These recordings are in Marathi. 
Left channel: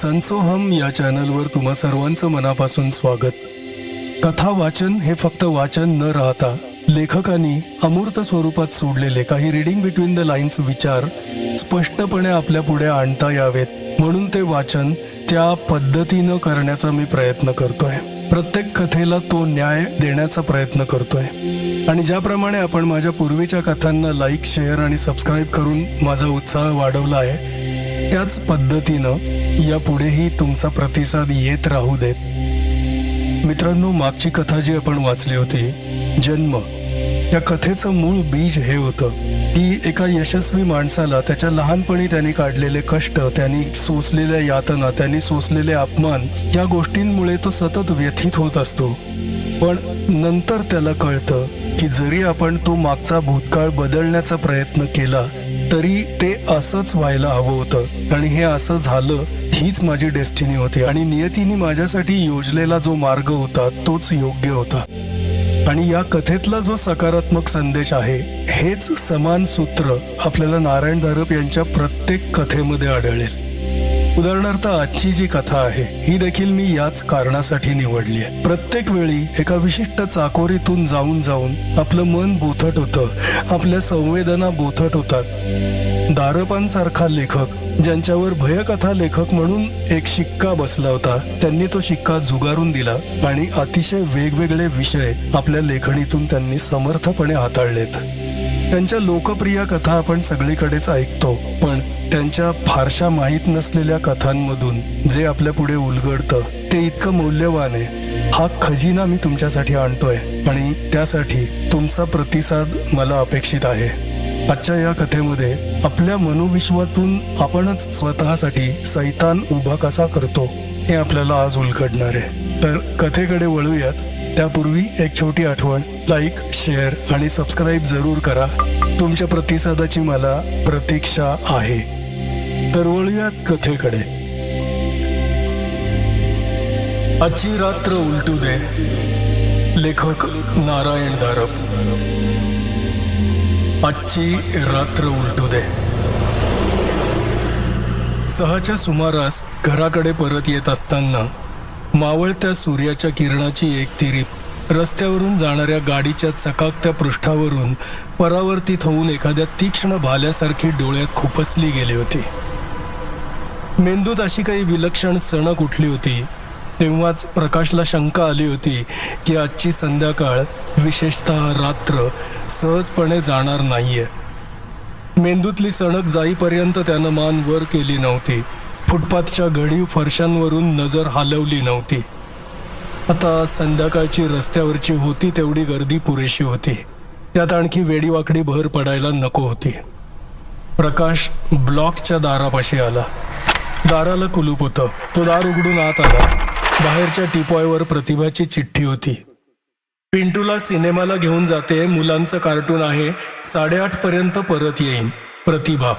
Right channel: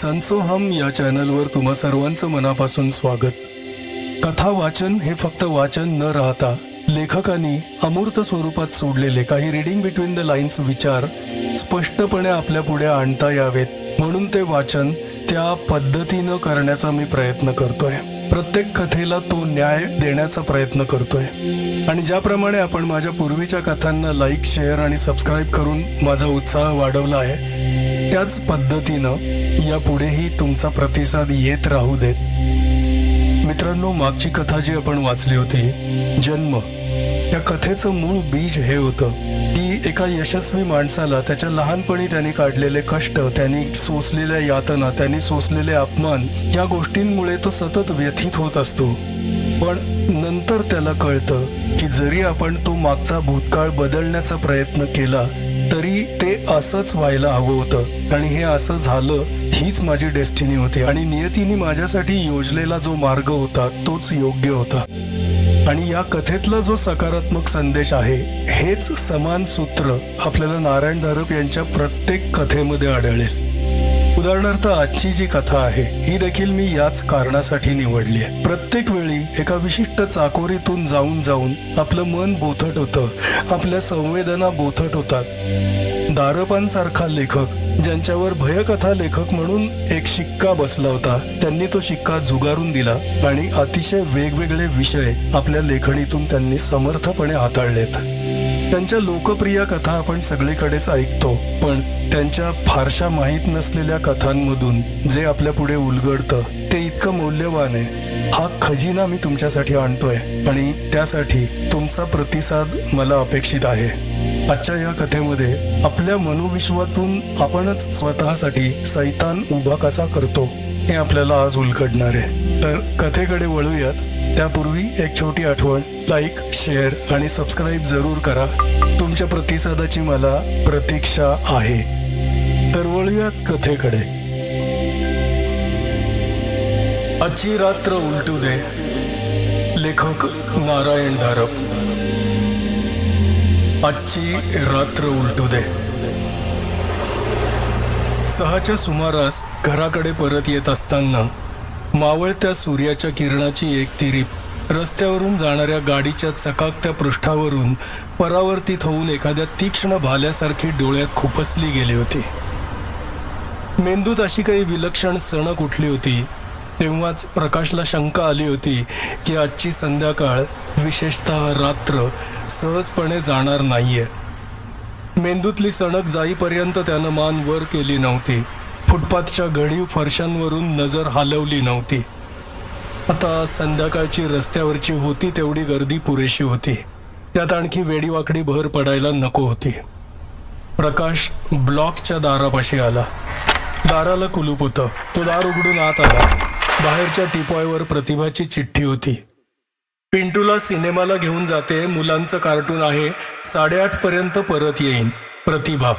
संसोहम या चॅनलवर तुम्हा सर्वांचं मनापासून स्वागत. कथा वाचन हे फक्त वाचन न राहता लेखकांनी अमूर्त स्वरूपात सोडलेले काही रीडिंग बिटवीन द लाईन्स विचार स्पष्टपणे आपल्या पुढे आणता यावेत म्हणून ते वाचन त्या पद्धतीनं करण्याचा मी प्रयत्न करतोय. प्रत्येक कथेला तो न्याय देण्याचा प्रयत्न करतोय आणि ज्याप्रमाणे आपण माझ्या पूर्वीच्या कथांना लाईक, शेअर आणि सबस्क्राईब करून माझा उत्साह वाढवला आहे, त्याच पद्धतीनं यापुढेही तुमचा प्रतिसाद येत राहू देत. मित्रांनो, मागची कथा जी आपण वाचली होती, जन्म, या कथेचं मूळ बीज हे होतं की एका यशस्वी माणसाला त्याच्या लहानपणी त्यांनी काढलेले कष्ट, त्यांनी सोसलेल्या यातना, त्यांनी सोसलेले अपमान, या गोष्टींमुळे तो सतत व्यथित होत असतो. पण नंतर त्याला कळतं की जरी आपण तो मागचा भूतकाळ बदलण्याचा प्रयत्न केला तरी ते असंच व्हायला हवं होतं आणि हे असं झालं, हीच माझी डेस्टिनी होती आणि नियतीने माझ्यासाठी योजलेला जो मार्ग होता तोच योग्य होता. आणि या कथेतला जो सकारात्मक संदेश आहे, हेच समान सूत्र आपल्याला नारायण धारप यांच्या प्रत्येक कथेमध्ये आढळेल. उदाहरणार्थ आजची जी कथा आहे ही देखील मी याच कारणासाठी निवडली आहे. प्रत्येक वेळी एका विशिष्ट चाकोरीतून जाऊन जाऊन आपलं मन बोथट होतं, आपल्या संवेदना बोथट होतात. धारपांसारखा लेखक, ज्यांच्यावर भयकथा लेखक म्हणून एक शिक्का बसला होता, त्यांनी तो शिक्का झुगारून दिला आणि अतिशय वेगवेगळे विषय आपल्या लेखणीतून त्यांनी समर्थपणे हाताळलेत. त्यांच्या लोकप्रिय कथा आपण सगळीकडेच ऐकतो, पण त्यांच्या फारशा माहीत नसलेल्या कथांमधून जे आपल्या पुढे उलगडतं ते इतकं मौल्यवान आहे. हा खजिना मी तुमच्यासाठी आणतोय आणि त्यासाठी तुमचा प्रतिसाद मला अपेक्षित आहे. आजच्या या कथेमध्ये आपल्या मनोविश्वातून आपणच स्वतःसाठी सैतान उभा कसा करतो हे आपल्याला आज उलगडणार आहे. तर कथेकडे वळूयात. त्यापूर्वी एक छोटी आठवण, लाईक, शेअर आणि सबस्क्राईब जरूर करा. तुमच्या प्रतिसादाची मला प्रतीक्षा आहे. तर वळूयात कथेकडे. आजची रात्र उलटू दे. लेखक नारायण धारप. आजची रात्र उलटू दे. 6च्या सुमारास घराकडे परत येत असताना मावळत्या सूर्याच्या किरणाची एक तिरीप रस्त्यावरून जाणाऱ्या गाडीच्या चकाकत्या पृष्ठावरून परावर्तित होऊन एखाद्या तीक्ष्ण भाल्यासारखी डोळ्यात खुपसली गेली होती. मेंदूत अशी काही विलक्षण सणक उठली होती. तेव्हाच प्रकाशला शंका आली होती की आजची संध्याकाळ, विशेषतः रात्र, सहजपणे जाणार नाहीये. मेंदूतली सणक जाईपर्यंत त्यानं मान वर केली नव्हती. फुटपाथच्या घडीव फरशांवरून नजर हलवली नव्हती. आता संध्याकाळची रस्त्यावरची होती तेवढी गर्दी पुरेशी होती. त्यात आणखी वेडीवाकडी भर पडायला नको होती. प्रकाश ब्लॉकच्या दारापाशी आला. दाराला कुलूप होतं. तो दार उघडून आत आला. बाहेरच्या टिपॉयवर प्रतिभाची चिठ्ठी होती. पिंटूला सिनेमाला घेऊन जाते, मुलांचं कार्टून आहे, 8:30 पर्यंत परत येईन. प्रतिभा.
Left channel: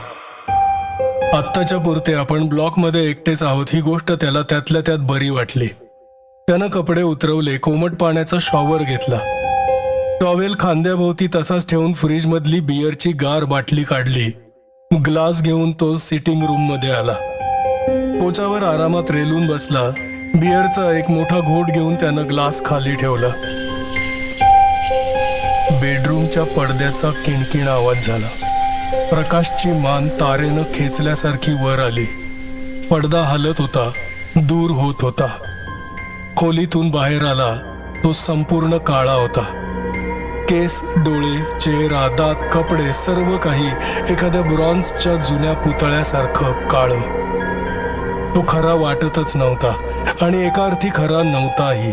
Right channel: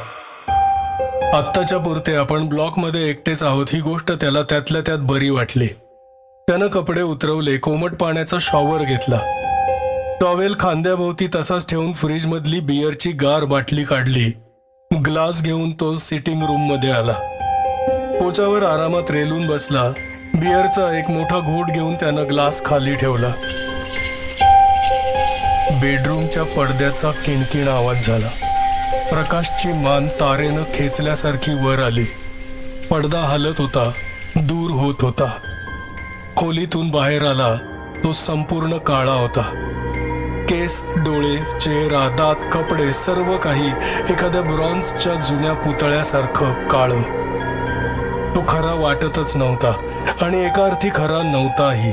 आत्ताच्या पुरते आपण ब्लॉकमध्ये एकटेच आहोत ही गोष्ट त्याला त्यातल्या त्यात बरी वाटली. त्यानं कपडे उतरवले, कोमट पाण्याचा शॉवर घेतला. टॉवेल खांद्याभोवती तसाच ठेवून फ्रीजमधली बिअरची गार बाटली काढली. ग्लास घेऊन तो सिटिंग रूममध्ये आला. पोचावर आरामात रेलून बसला. बिअरचा एक मोठा घोट घेऊन त्यानं ग्लास खाली ठेवला. बेडरूमच्या पडद्याचा किणकिण आवाज झाला. प्रकाशची मान तारेनं खेचल्यासारखी वर आली. पडदा हलत होता, दूर होत होता. खोलीतून बाहेर आला. तो संपूर्ण काळा होता. केस, डोळे, चेहरा, दात, कपडे, सर्व काही एखाद्या ब्रॉन्झच्या जुन्या पुतळ्यासारखं काळं. तो खरा वाटतच नव्हता आणि एका अर्थी खरा नव्हताही.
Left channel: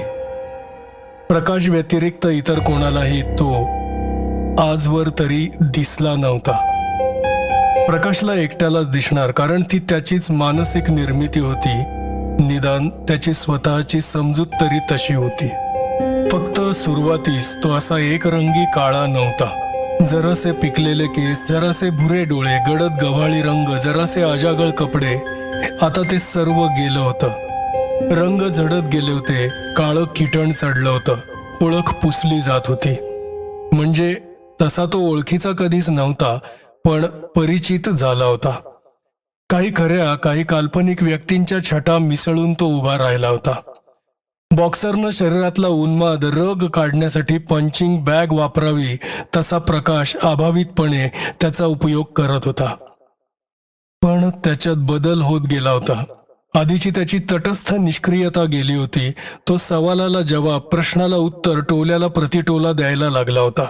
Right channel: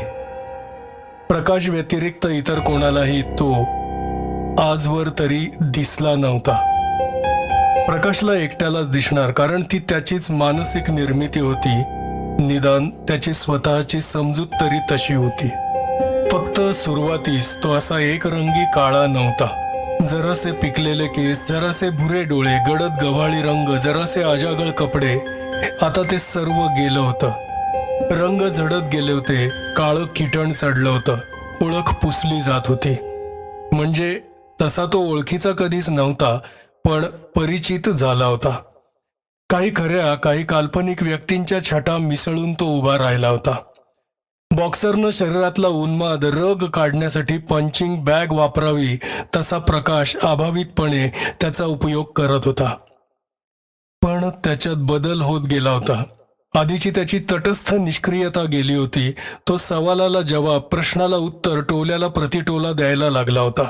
प्रकाश व्यतिरिक्त इतर कोणालाही तो आजवर तरी दिसला नव्हता. प्रकाशला एकट्यालाच दिसणार, कारण ती त्याचीच मानसिक निर्मिती होती. निदान त्याची स्वतःची समजूत तरी तशी होती. फक्त सुरुवातीस तो असा एकरंगी काळा नव्हता. जरासे पिकलेले केस, जरासे भुरे डोळे, गडद गव्हाळी रंग, जरासे आजागळ कपडे. आता ते सर्व गेलं होतं. रंग झडत गेले होते. काळं किटण चढलं होतं. ओळख पुसली जात होती. म्हणजे तसा तो ओळखीचा कधीच नव्हता, पण परिचित झाला होता. काही खऱ्या काही काल्पनिक व्यक्तींच्या छटा मिसळून तो उभा राहिला होता. बॉक्सरनं शरीरातला उन्माद रग काढण्यासाठी पंचिंग बॅग वापरावी तसा प्रकाश अभावितपणे त्याचा उपयोग करत होता. पण त्याच्यात बदल होत गेला होता. आधीची त्याची तटस्थ निष्क्रियता गेली होती. तो सवालाला जवाब, प्रश्नाला उत्तर, टोल्याला प्रतिटोला द्यायला लागला होता.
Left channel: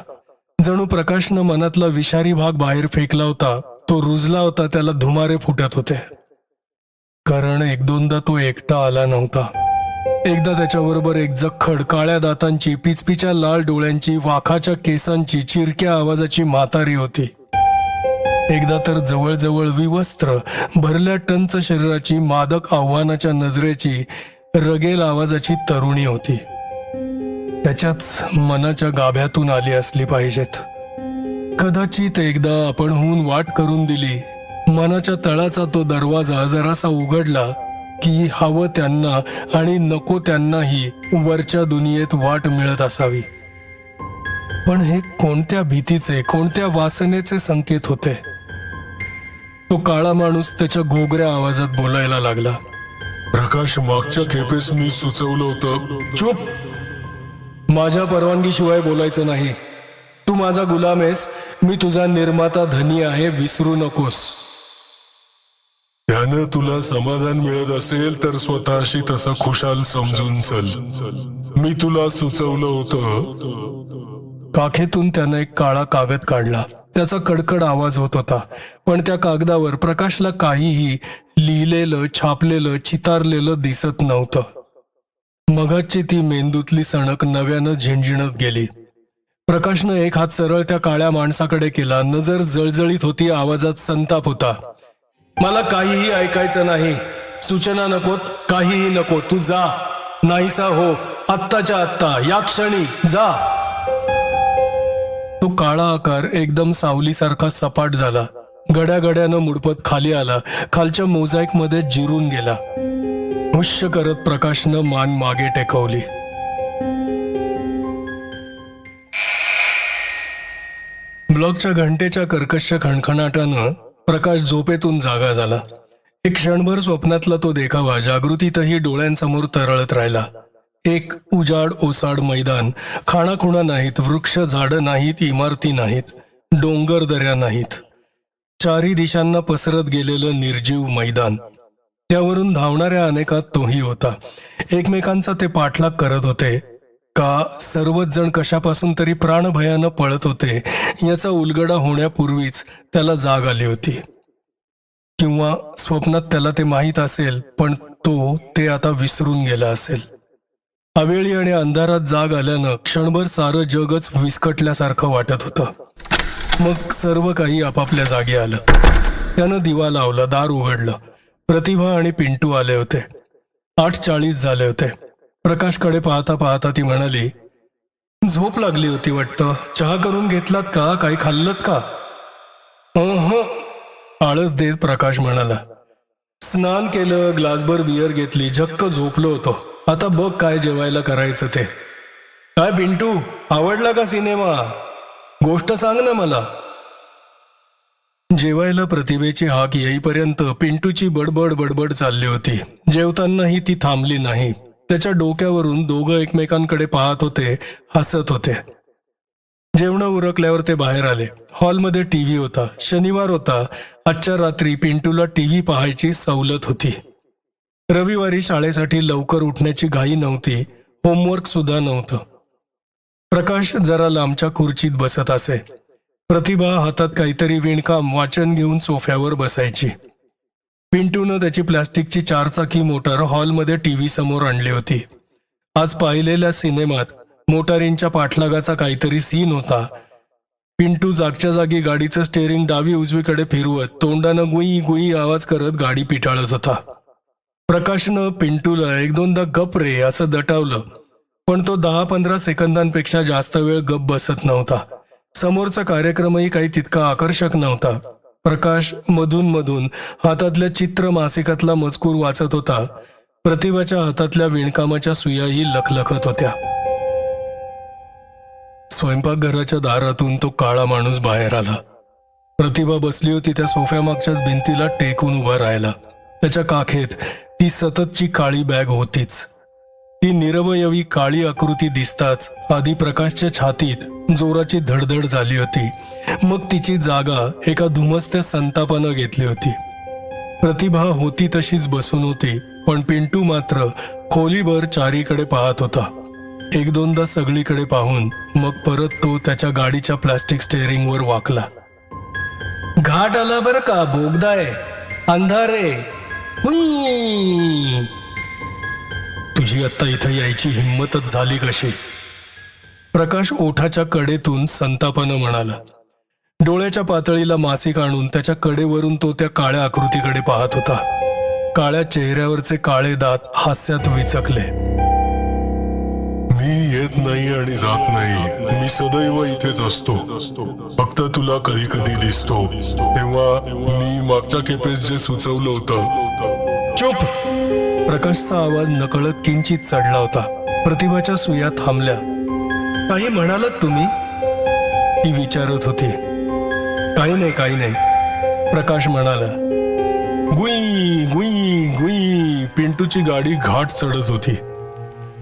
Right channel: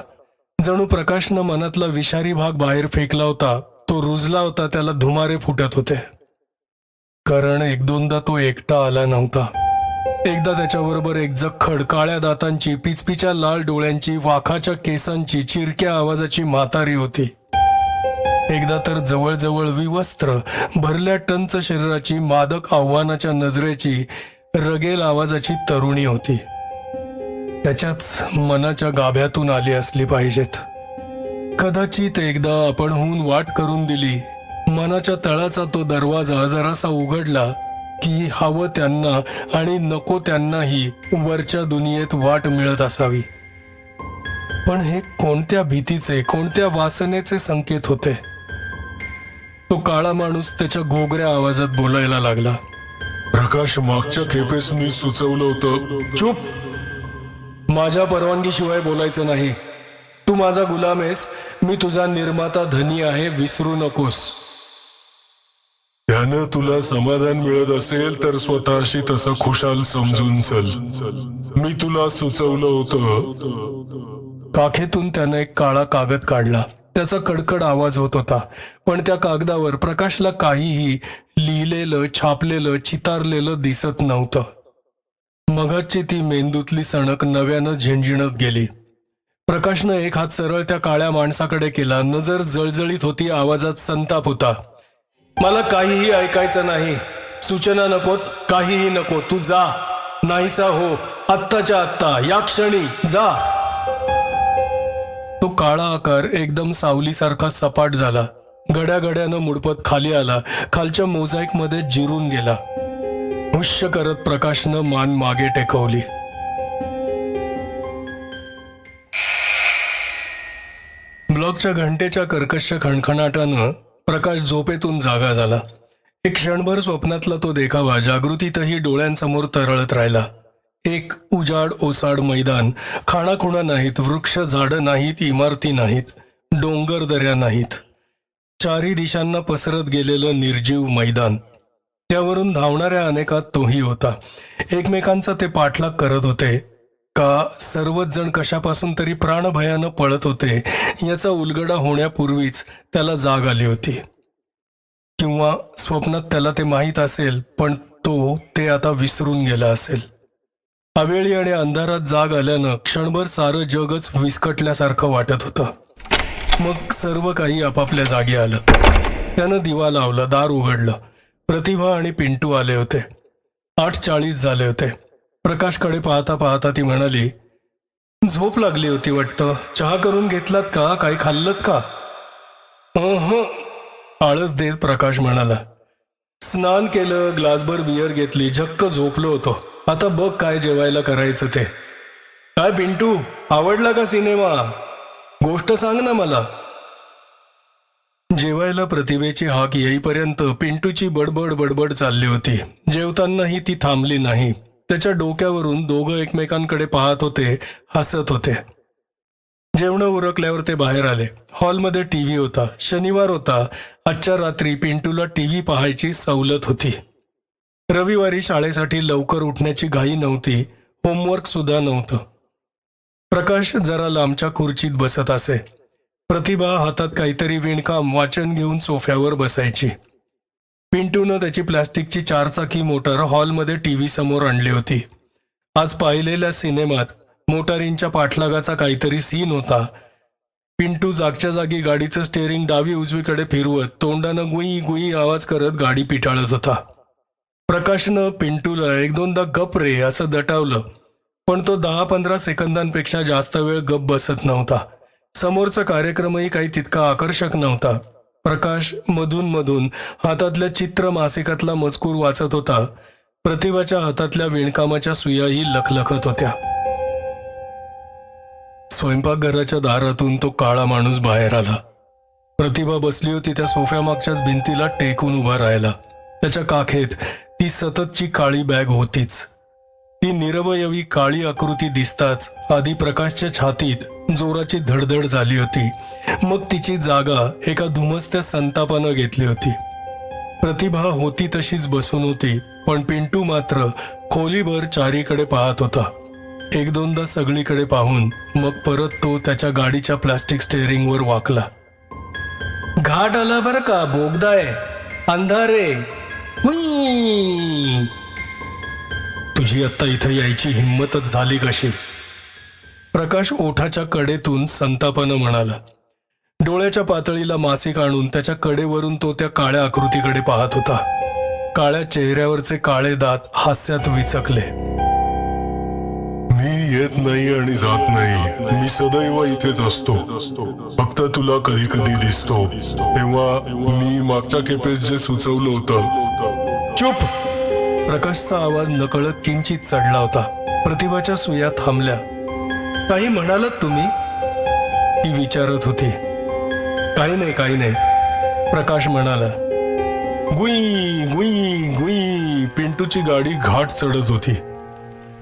जणू प्रकाशनं मनातला विषारी भाग बाहेर फेकला होता. तो रुजला होता, त्याला धुमारे फुटत होते. कारण एक दोनदा तो एकटा आला नव्हता. एकदा त्याच्याबरोबर एक जखड, काळ्या दातांची, पिचपिच्या लाल डोळ्यांची, वाखाच्या केसांची, चिरक्या आवाजाची म्हातारी होती. एकदा तर जवळजवळ विवस्त्र, भरल्या टंच शरीराची, मादक आव्हानाच्या नजरेची, रगेल आवाजाची तरुणी होती. त्याच्याच मनाच्या गाभ्यातून आली असली पाहिजेत. कदाचित एकदा आपणहून वाट करून दिली. मनाच्या तळाचा तो दरवाजा जरासा उघडला की हवं त्यांना आणि नको त्यांनाही वरच्या दुनियेत वाट मिळत असावी. पण हे कोणत्या भीतीचे, कोणत्या वासनेचे संकेत होते? तो काळा माणूस त्याच्या घोगऱ्या आवाजात बोलायला लागला. प्रकाश, मागच्या खेपेस मी सुचवलं होतं. चूप! माझ्या परवानगीशिवाय बोलायचं नाही. तू माझा गुलाम आहेस, मी तुझा निर्माता धनी आहे, विसरू नकोस. त्यानं तुला समाधान मिळत असेल तर स्वतःशी तसं खुशाल समजून चल. मी तुला सुचवलं होतं. काखेतून त्यानं एक काळा कागद काढला. त्याचा कडकड आवाज होत होता. पण त्या कागदावर प्रकाशला काहीही लिहिलेलं, छापलेलं, चितारलेलं दिसत नव्हतं. मगाची ती मेंदूतली सणक नव्यानं झिंझिणत गेली. प्रकाशनं एक हात सरळ त्या काळ्या माणसाकडे केला. नजर जळजळीत होती, आवाजात संताप होता. मला काहीही ऐकायचं नाही. सूचना नकोत, काहीही नको. तू जा, नाहीसा हो, आत्ताच्या आत्ता, या क्षणी जा. तो काळा आकार एकदम सावलीसारखा सपाट झाला. गड्यागड्यानं मुडपत खाली आला. खालच्या मोझॅईकमध्ये जिरून गेला. हुश्य करत प्रकाशनं मान मागे टेकवली. ब्लॉकच्या घंटेच्या कर्कश खणखणाटानं प्रकाश झोपेतून जागा झाला. एक क्षणभर स्वप्नातला तो देखावा जागृतीतही डोळ्यांसमोर तरळत राहिला. एक उजाड ओसाड मैदान, खाणाखुणा नाहीत, वृक्ष झाडं नाहीत, इमारती नाहीत, डोंगर दऱ्या नाहीत. चारी दिशांना पसरत गेलेलं निर्जीव मैदान. त्यावरून धावणाऱ्या अनेकात तोही होता. एकमेकांचा ते पाठलाग करत होते का सर्वच जण कशापासून तरी प्राणभयानं पळत होते याचा उलगडा होण्यापूर्वीच त्याला जाग आली होती. किंवा स्वप्नात त्याला ते माहीत असेल, पण तो ते आता विसरून गेला असेल. अवेळी आणि अंधारात जाग आल्यानं क्षणभर सारं जगच विस्कटल्यासारखं वाटत होतं. मग सर्व काही आपापल्या जागी आलं. त्यानं दिवा लावला, दार उघडलं. प्रतिभा आणि पिंटू आले होते. 8:40 झाले होते. प्रकाशकडे पाहता पाहता ती म्हणाली, झोप लागली होती वाटतं. चहा करून घेतलात का? काही खाल्लत का? आळस देत प्रकाश म्हणाला, स्नान केलं, ग्लासभर बियर घेतली, झक्क झोपलो होतो. आता बघ काय जेवायला करायचं ते. काय पिंटू, आवडला का सिनेमा? गोष्ट सांग ना मला. जेवायला प्रतिभेची हाक येईपर्यंत पिंटूची बडबड बडबड चालली होती. जेवतानाही ती थांबली नाही. त्याच्या डोक्यावरून दोघं एकमेकांकडे पाहत होते, हसत होते. जेवणं उरकल्यावर ते बाहेर आले. हॉलमध्ये टीव्ही होता. शनिवार होता. आजच्या रात्री पिंटूला टीव्ही पाहायची सवलत होती. रविवारी शाळेसाठी लवकर उठण्याची घाई नव्हती. होमवर्क सुद्धा नव्हतं. प्रकाश जरा लांबच्या खुर्चीत बसत असे. प्रतिभा हातात काहीतरी विणकाम वाचन घेऊन सोफ्यावर बसायची. पिंटूनं त्याची प्लॅस्टिकची 4 चाकी मोटार हॉलमध्ये टीव्ही समोर आणली होती. आज पाहिलेल्या सिनेमात मोटारींच्या पाठलागाचा काहीतरी सीन होता. पिंटू जागच्या जागी गाडीचं स्टेअरिंग डावी उजवीकडे फिरवत तोंडानं गुई गुई आवाज करत गाडी पिटाळत होता. प्रकाशनं पिंटूला 1-2दा गप रे असं दटावलं, पण तो 10-15 सेकंदांपेक्षा जास्त वेळ गप बसत नव्हता. समोरचा कार्यक्रमही काही तितका आकर्षक नव्हता. प्रकाश मधून मधून हातातल्या चित्र मासिकातला मजकूर वाचत होता. प्रतिभाच्या हातातल्या विणकामाच्या सुयाही लखलखत होत्या. स्वयंपाकघराच्या दारातून तो काळा माणूस बाहेर आला. प्रतिभा बसली होती त्या सोफ्यामागच्याच भिंतीला टेकून उभा राहिला. त्याच्या काखेत ती सततची काळी बॅग होतीच. ती निरवयवी काळी आकृती दिसताच आधी प्रकाशच्या छातीत जोराची धडधड झाली होती. मग तिची जागा एका धुमसत्या संतापानं घेतली होती. प्रतिभा होती तशीच बसून होती, पण पिंटू मात्र खोलीभर चारीकडे पाहत होता. एक दोनदा सगळीकडे पाहून मग परत तो त्याच्या गाडीच्या प्लास्टिक स्टेअरिंगवर वाकला. घाट आला बरं का, बोगदा आहे, अंधारे. हुई, तुझी आत्ता इथं यायची हिंमतच झाली कशी? प्रकाश ओठाच्या कडेतून संतापानं म्हणाला. डोळ्याच्या पातळीला मासिक आणून त्याच्या कडेवरून तो त्या काळ्या आकृतीकडे पाहत होता. काळ्या चेहऱ्यावरचे काळे दात हास्यात विचकले. मी येत नाही आणि जात नाही, मी सदैव इथेच असतो. फक्त तुला कधी कधी दिसतो, तेव्हा मी मागच्या खेपेस जे सुचवलं होतं. चुप! प्रकाशचा आवाज नकळत किंचित चढला होता. प्रतिभाच्या सुया थांबल्या. काही म्हणालात तुम्ही? ती विचारत होती. काही नाही, प्रकाश म्हणाला. गुई गुई गुई, पिंटूची गाडी घाट चढत होती.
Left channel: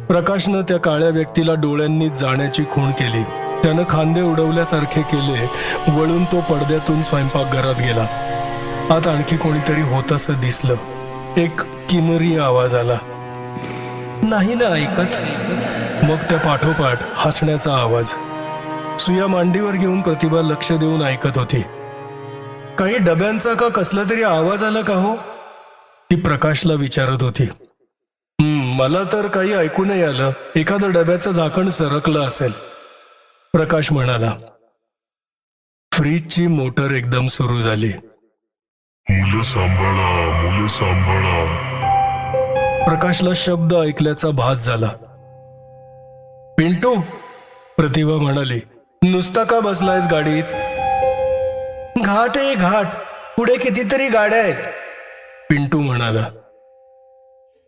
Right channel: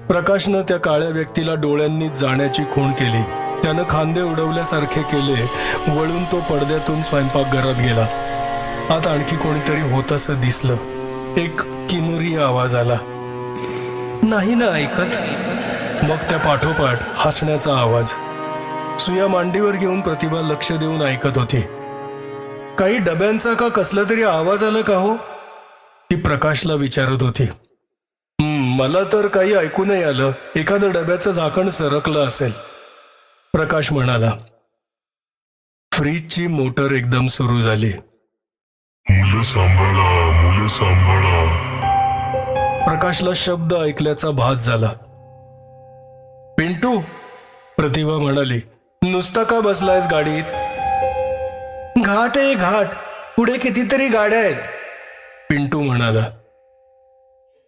प्रकाशनं त्या काळ्या व्यक्तीला डोळ्यांनी जाण्याची खूण केली. त्यानं खांदे उडवल्यासारखे केले. वळून तो पडद्यातून स्वयंपाकघरात गेला. आत आणखी कोणीतरी होतंसं दिसलं. एक किन्नरी आवाज आला. नाही ना ऐकत? मग त्या पाठोपाठ हसण्याचा आवाज. सुया मांडीवर घेऊन प्रतिभा लक्ष देऊन ऐकत होती. काही डब्यांचा का कसला तरी आवाज आला का हो? ती प्रकाशला विचारत होती. मला तर काही ऐकू नाही आलं. एखादं डब्याचं झाकण सरकलं असेल, प्रकाश म्हणाला. फ्रीजची मोटर एकदम सुरू झाली. मुले सांभाळा. प्रकाशला शब्द ऐकल्याचा भास झाला. पिंटू, प्रतिभा म्हणाली, नुसता का बसलायस गाडीत? घाट आहे घाट, पुढे कितीतरी गाड्या आहेत, पिंटू म्हणाला.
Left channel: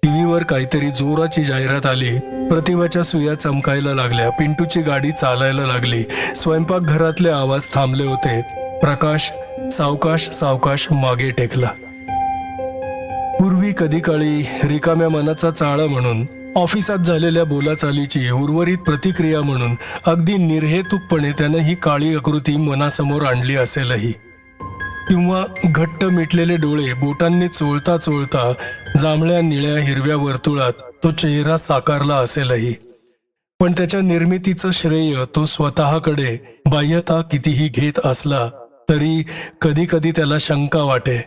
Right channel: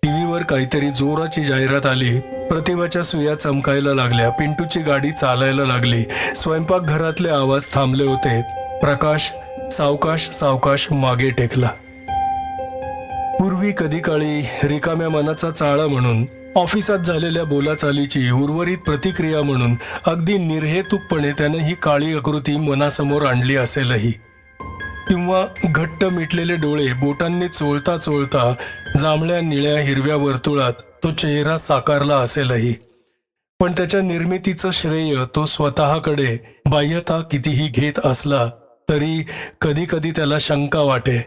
टीव्हीवर काहीतरी जोराची जाहिरात आली. प्रतिभाच्या सुया चमकायला लागल्या. पिंटूची गाडी चालायला लागली. स्वयंपाकघरातले आवाज थांबले होते. प्रकाश सावकाश सावकाश मागे टेकला. पूर्वी कधी काळी रिकाम्या मनाचा चाळा म्हणून, ऑफिसात झालेल्या बोलाचालीची उर्वरित प्रतिक्रिया म्हणून अगदी निर्हेतुकपणे त्यानं ही काळी आकृती मनासमोर आणली असेलही. किंवा घट्ट मिटलेले डोळे बोटांनी चोळता चोळता जांभळ्या निळ्या हिरव्या वर्तुळात तो चेहरा साकारला असेलही. पण त्याच्या निर्मितीचं श्रेय तो स्वतःकडे बाह्यता कितीही घेत असला तरी कधी कधी त्याला शंका वाटे.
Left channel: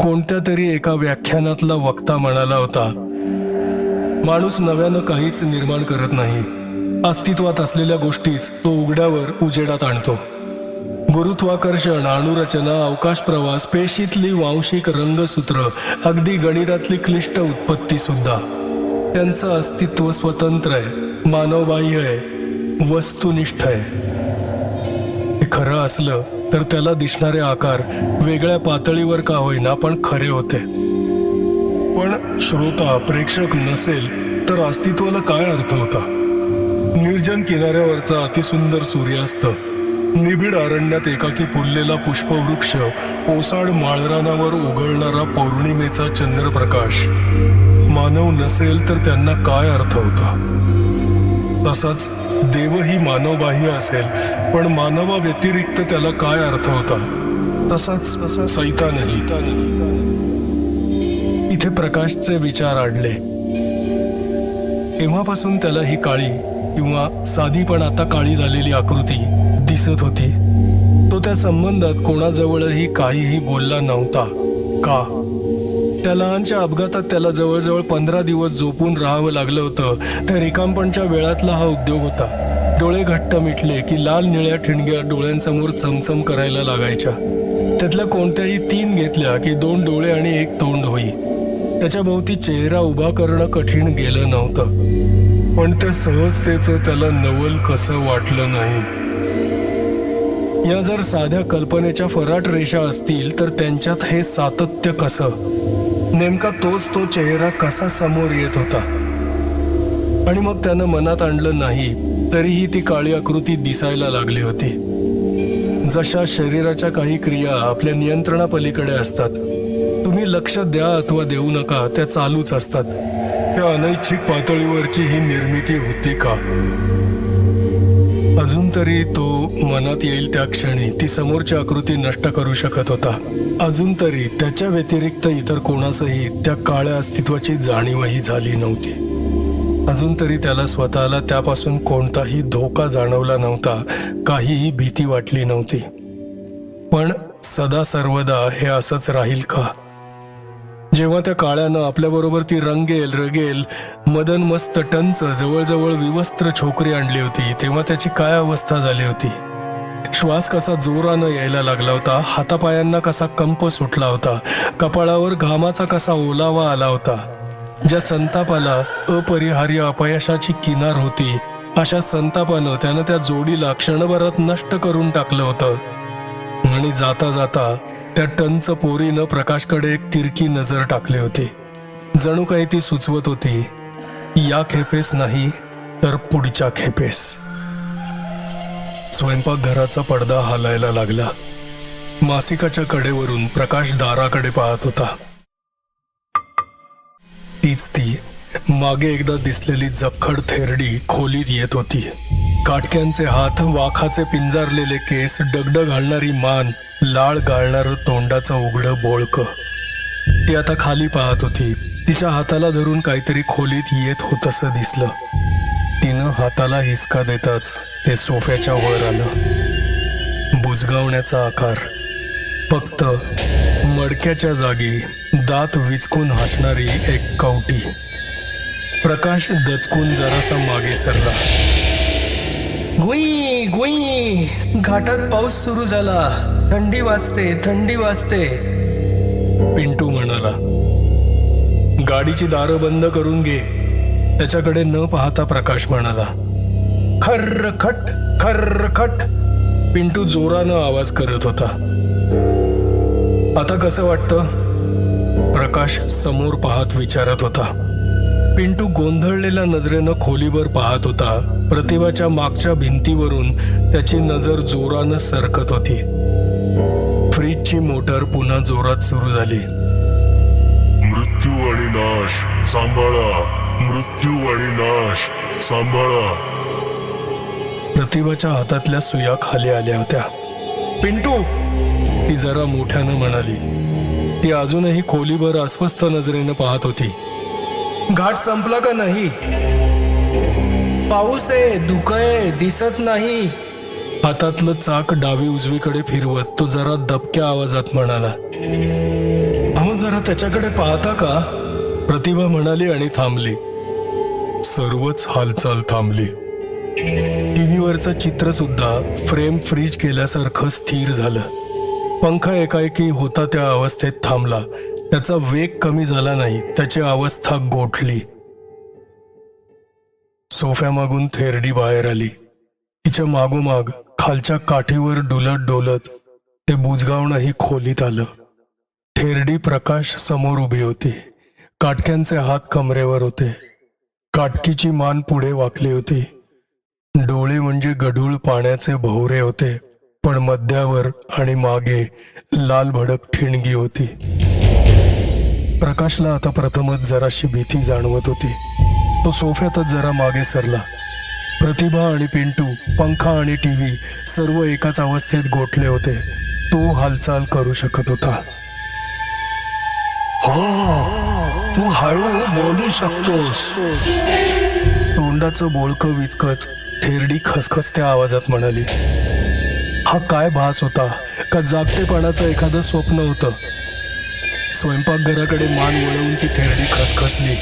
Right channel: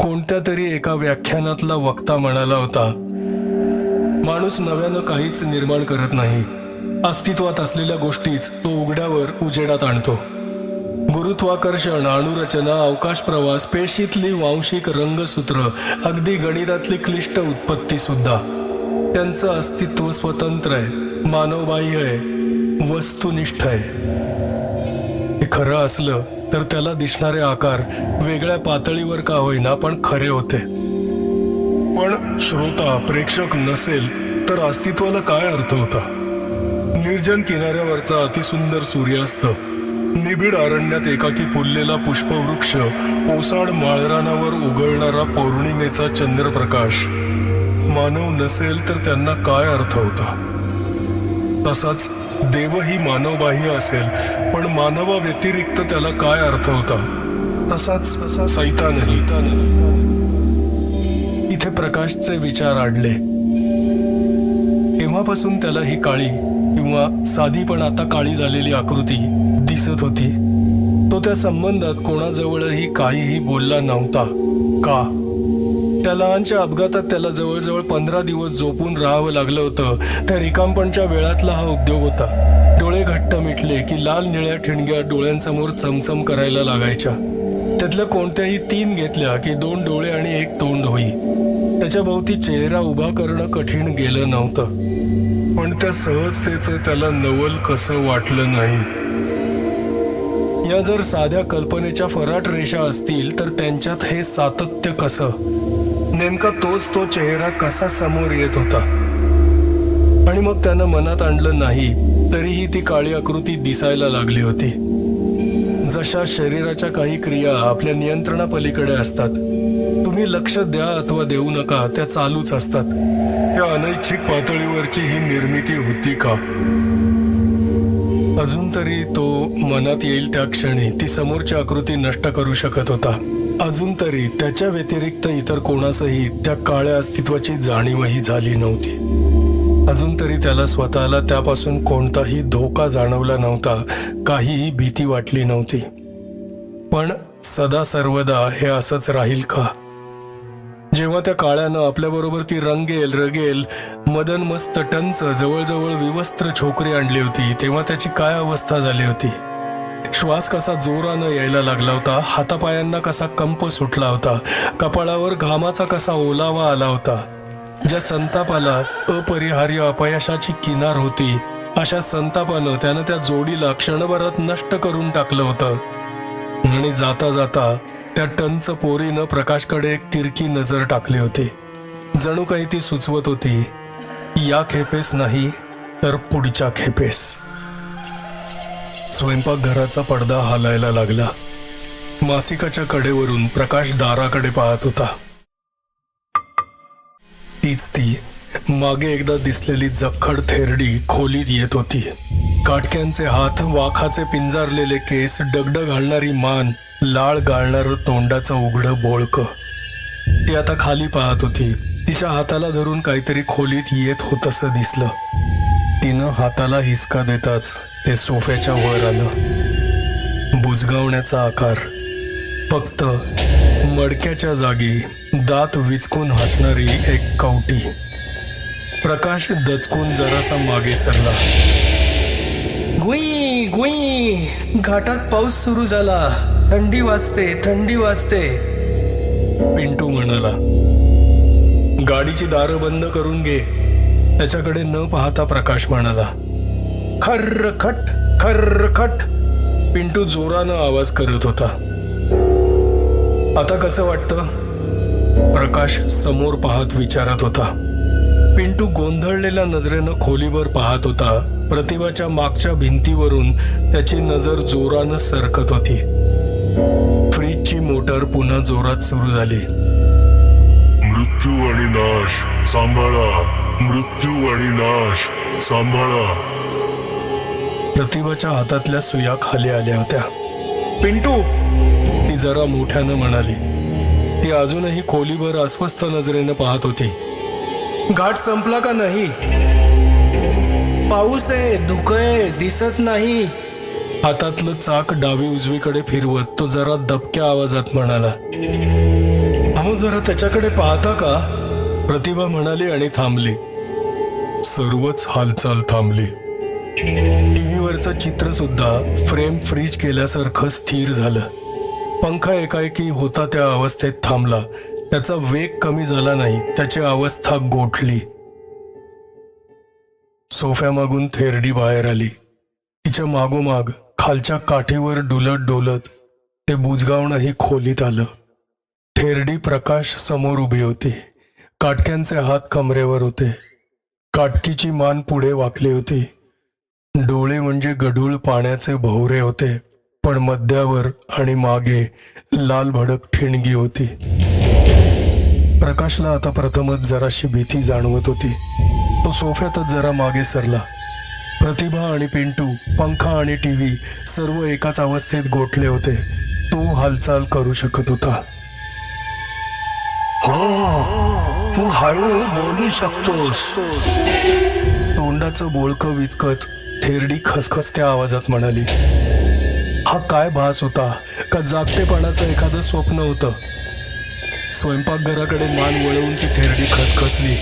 कोणत्या तरी एका व्याख्यानातला वक्ता म्हणाला होता, माणूस नव्यानं काहीच निर्माण करत नाही, अस्तित्वात असलेल्या गोष्टीच तो उघड्यावर उजेडात आणतो. गुरुत्वाकर्षण, अणुरचना, अवकाश प्रवास, पेशीतली वांशिक रंगसूत्र, अगदी गणितातली क्लिष्ट उत्पत्ती सुद्धा त्यांचं अस्तित्व स्वतंत्र आहे, मानवबाह्य आहे, वस्तुनिष्ठ आहे. हे खरं असलं तर त्याला दिसणारे आकार वेगळ्या पातळीवर का होईना पण खरे होते. पण श्रोता प्रेक्षक नसेल तर अस्तित्वाला काय अर्थ होता? निर्जन किनाऱ्यावरचा अतिसुंदर सूर्यास्त, निबिड अरण्यात एकाकी फुललेला पुष्पवृक्ष, ओसाड माळरानावर उघळणारा पौर्णिमेचा चंद्रप्रकाश, मानव नसेल तर त्यांना काय अर्थ होता? तसाच देवही मानवबाह्य असेल पण मानवा व्यतिरिक्त त्याला काय अर्थ होता? तसाच सैतानही. इथे प्रकाशचे विचार आडले. तेव्हापासून त्याला ही काळी किंवा साधी पण आता काळी झालेली आकृती दिसत होती. तो त्या संबंधात कोणाजवळही काहीही बोलला नव्हता. का? त्या लहानच्या अपघातात त्याला जवळजवळ 15 दिवस झोपून राहावं लागलं होतं. त्या रिकामपणच्या वेळातला हा उद्योग होता. डोळे घट्ट मिटले की लाल निळ्या ठिणग्या डोळ्यांसमोर चमचम करायला लागायच्या. त्यातल्या कोणत्याही 3 घेतल्या की 2 डोळे आणि 1 तोंड होई. त्याच्या भोवती चेहरा उभा करणं कठीण गेलं नव्हतं. पण त्या सहजतेचं त्याला नवल कसं वाटलं नाही. या जर साध्या कल्पनेच्या फराट रेषा असतील तर त्यांच्यात हे सातत्य कसं? नेमका तोच तो चेहरा कसा समोर येत होता? आणि मग त्यानं मनात आणलं नाही तरीही ती काळी आकृती दिसायला लागली होती. जशा शरीराच्या काही क्रिया आपल्या नियंत्रणापलीकडे असतात, तुम्ही लक्ष द्या अथवा देऊ नका, त्या चालूच असतात. त्या अनैच्छिक पातळीवरची ही निर्मिती होती का? अजून तरी तो मनात येईल त्या क्षणी ती समोरची आकृती नष्ट करू शकत होता. अजून तरी त्याच्या व्यतिरिक्त इतर कोणासही त्या काळ्या अस्तित्वाची जाणीवही झाली नव्हती. अजून तरी त्याला स्वतःला त्यापासून कोणताही धोका जाणवला नव्हता, काहीही भीती वाटली नव्हती. पण सदा सर्वदा हे असंच राहील का? जेव्हा त्या काळ्यानं आपल्याबरोबर ती रंगेल मदन मस्त टंच जवळजवळ विवस्त्र छोकरी आणली होती, तेव्हा त्याची काय अवस्था झाली होती? श्वास कसा जोरानं यायला लागला होता, हातापायांना कसा कंप सुटला होता, कपाळावर घामाचा कसा ओलावा आला होता. ज्या संतापाला अपरिहार्य अपयशाची किनार होती, अशा संतापानं त्यानं त्या जोडीला क्षणभरात नष्ट करून टाकलं होतं. आणि जाता जाता त्या टंच पोरीनं प्रकाशकडे एक तिरकी नजर टाकली होती. जणू काही ती सुचवत होती, या खेपेस नाही तर पुढच्या खेपेस. स्वयंपाकघराचा पडदा हालायला लागला. मासिकाच्या कडेवरून प्रकाश दाराकडे पाहत होता. तीच ती मागे एकदा दिसलेली जखड थेरडी खोलीत येत होती. काटक्यांचे हात, वाखाचे पिंजारलेले केस, डगडग घालणारी मान, लाळ गाळणारं तोंडाचं उघडं बोळकं. ती आता खाली पाहत होती. तिच्या हाताला धरून काहीतरी खोलीत येत होतंसं दिसलं. तिनं हाताला हिसका देताच ते सोफ्याच्या वर आलं. बुजगावण्याचा आकार, फक्त मडक्याच्या जागी दात विचकून हसणारी एक कवटी. प्रकाश दचकून जरासा मागे सरला. गुई गुई, घाटात पाऊस सुरू झाला, थंडी वाजते. पिंटू म्हणाला. गाडीची दारं बंद करून घे. त्याच्याकडे न पाहता प्रकाश म्हणाला. खर्रखट. पिंटू जोरानं आवाज करत होता. आता कसं वाटतं? प्रकाश समोर पाहत विचारत होता. पिंटू गोंधळलेल्या नजरेनं खोलीवर पाहत होता. प्रतिभाच्या मागच्या भिंतीवरून त्याची नजर जोरानं सरकत होती. फ्रीजची मोटर पुन्हा जोरात सुरू झाली. मृत्यू आणि नाश सांभाळा, मृत्यू आणि नाश सांभाळा. प्रतिभाच्या हातातल्या सुया खाली आल्या होत्या. पिंटू, ती जरा मोठ्यानं म्हणाली. ती अजूनही खोलीवर अस्वस्थ नजरेनं पाहत होती. घाट संपला का नाही? पाऊस आहे, धुकं आहे, दिसत नाही. हातातलं चाक डावी उजवीकडे फिरवत तो जरा दबक्या आवाजात म्हणाला. अहो, जरा त्याच्याकडे पाहता का? प्रतिभा म्हणाली आणि थांबली. सर्वच हालचाल थांबली. टीव्हीवरचं चित्र सुद्धा फ्रेम फ्रीज केल्यासारखं स्थिर झालं. पंखा एकाएकी होता त्या अवस्थेत थांबला. त्याचा वेग कमी झाला नाही, त्याची अवस्था गोठली. सोफ्यामागून थेरडी बाहेर आली. तिच्या मागोमाग खालच्या काठीवर डुलत ते बुजगावणंही खोलीत आलं. थेरडी प्रकाश समोर उभी होती. काटक्यांचे हात कमरेवर होते. काटकीची मान पुढे वाकली होती. डोळे म्हणजे गढूळ पाण्याचे भोवरे होते, पण मध्यावर आणि मागे लाल भडक ठिणगी होती. प्रकाशला आता प्रथमच जराशी भीती जाणवत होती. तो सोफ्यातच जरा मागे सरला. प्रतिभा आणि पिंटू, पंखा आणि टीव्ही सर्व एकाच अवस्थेत गोठले होते. तो हालचाल करू शकत होता. हो, तू हळू बोलू शकतोस. तोंडाचं बोळकं विचकत थेरडी खसखसत्या आवाजात म्हणाली. हा काय भास होता? का जागतेपणाचं एखादं स्वप्न होतं? स्वयंपाकघराकडे मान वळवून ती थेरडी खसखसली.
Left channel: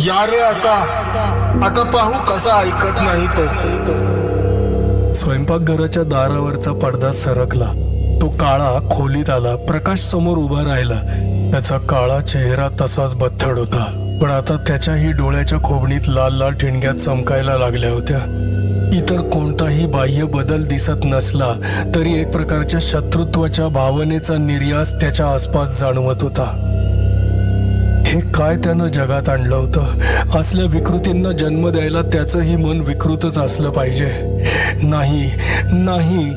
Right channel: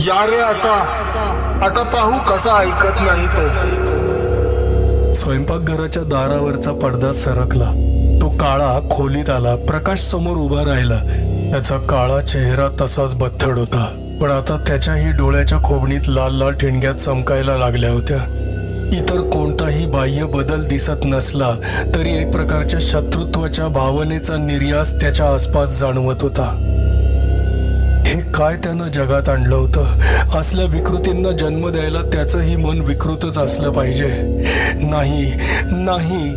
या रे, आता पाहू कसा ऐकत नाही तो. स्वयंपाकघराच्या दारावरचा पडदा सरकला. तो काळा खोलीत आला. प्रकाश समोर उभा राहिला. त्याचा काळा चेहरा तसाच बथड होता, पण आता त्याच्याही डोळ्याच्या खोबणीत लाल लाल ठिणग्या चमकायला लागल्या होत्या. इतर कोणताही बाह्य बदल दिसत नसला तरी एक प्रकारच्या शत्रुत्वाच्या भावनेचा निर्यास त्याच्या आसपास जाणवत होता. हे काय त्यानं जगात आणलं होतं? असल्या विकृतींना जन्म द्यायला त्याचंही मन विकृतच असलं पाहिजे. नाही,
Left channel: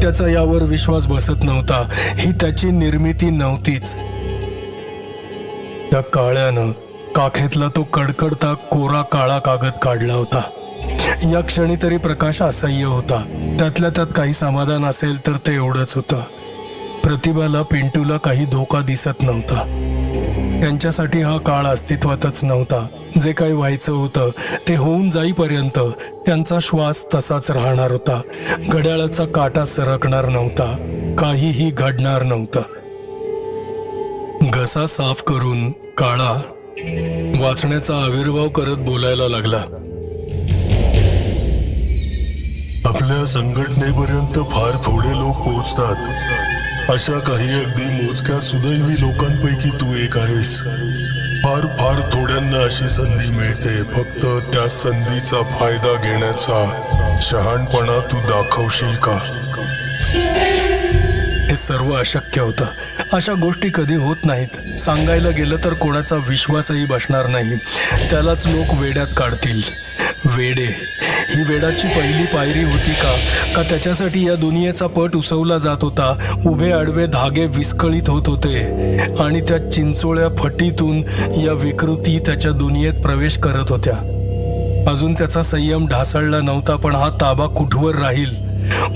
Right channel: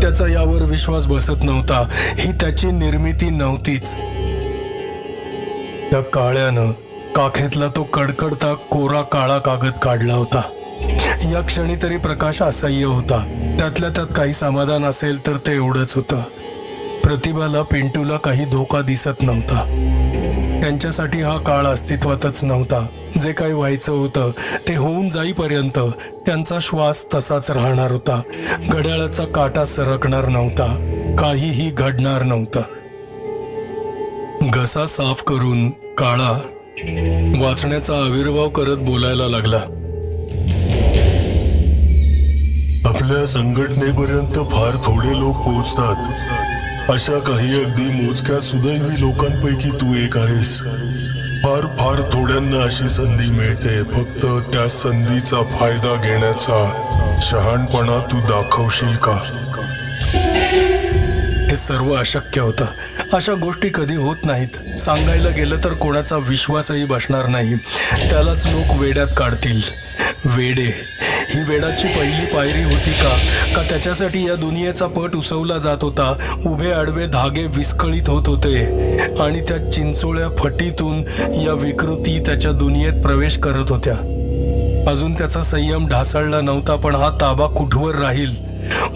त्याचा यावर विश्वास बसत नव्हता. ही त्याची निर्मिती नव्हतीच. त्या काळ्यानं काखेतला तो कडकडता कोरा काळा कागद काढला होता. या क्षणी तरी प्रकाश असह्य होता. त्यातल्या त्यात काही समाधान असेल तर ते एवढंच होतं. प्रतिभाला, पिंटूला काही धोका दिसत नव्हता. त्यांच्यासाठी हा काळ अस्तित्वातच नव्हता. जे काही व्हायचं होतं ते होऊन जाईपर्यंत त्यांचा श्वास तसाच राहणार होता. घड्याळाचा काटा सरकणार नव्हता. काहीही घडणार नव्हतं. घसा साफ करून काळा वाचण्याचा आविर्भाव करत बोलायला लागला. आपल्या संघटनेपर्यंत फार थोडे लोक पोहोचतात. अशा काही अगदी मोजक्या सुदैवी लोकांपैकी तू एक आहेस. फार फार थोड्यांना अशी संधी मिळते. फक्त त्या संधीचा फायदा घेण्याचा शहाणपणा तू दाखवशील का? हे सर्व अशक्य होतं. अशा गोष्टी कधी होत नाहीत. सांगायला गेलं तर कोणाचा विश्वासही बसणार नाही. त्यालाच लोक वेड्यात काढतील. वेडे ही वेडाची पहिली पायरी होती का त्याच्यासाठी या दुनियेचा पट उसवला जात होता. उभे आडवे धागे विस्कळीत होत होते आणि त्या चिंचोळ्या फटीतून या विकृती त्याच्या दुनियेत प्रवेश करत होत्या. अजून त्याचा संयम ढासळला नव्हता. पण हा ताबा कुठवर राहील?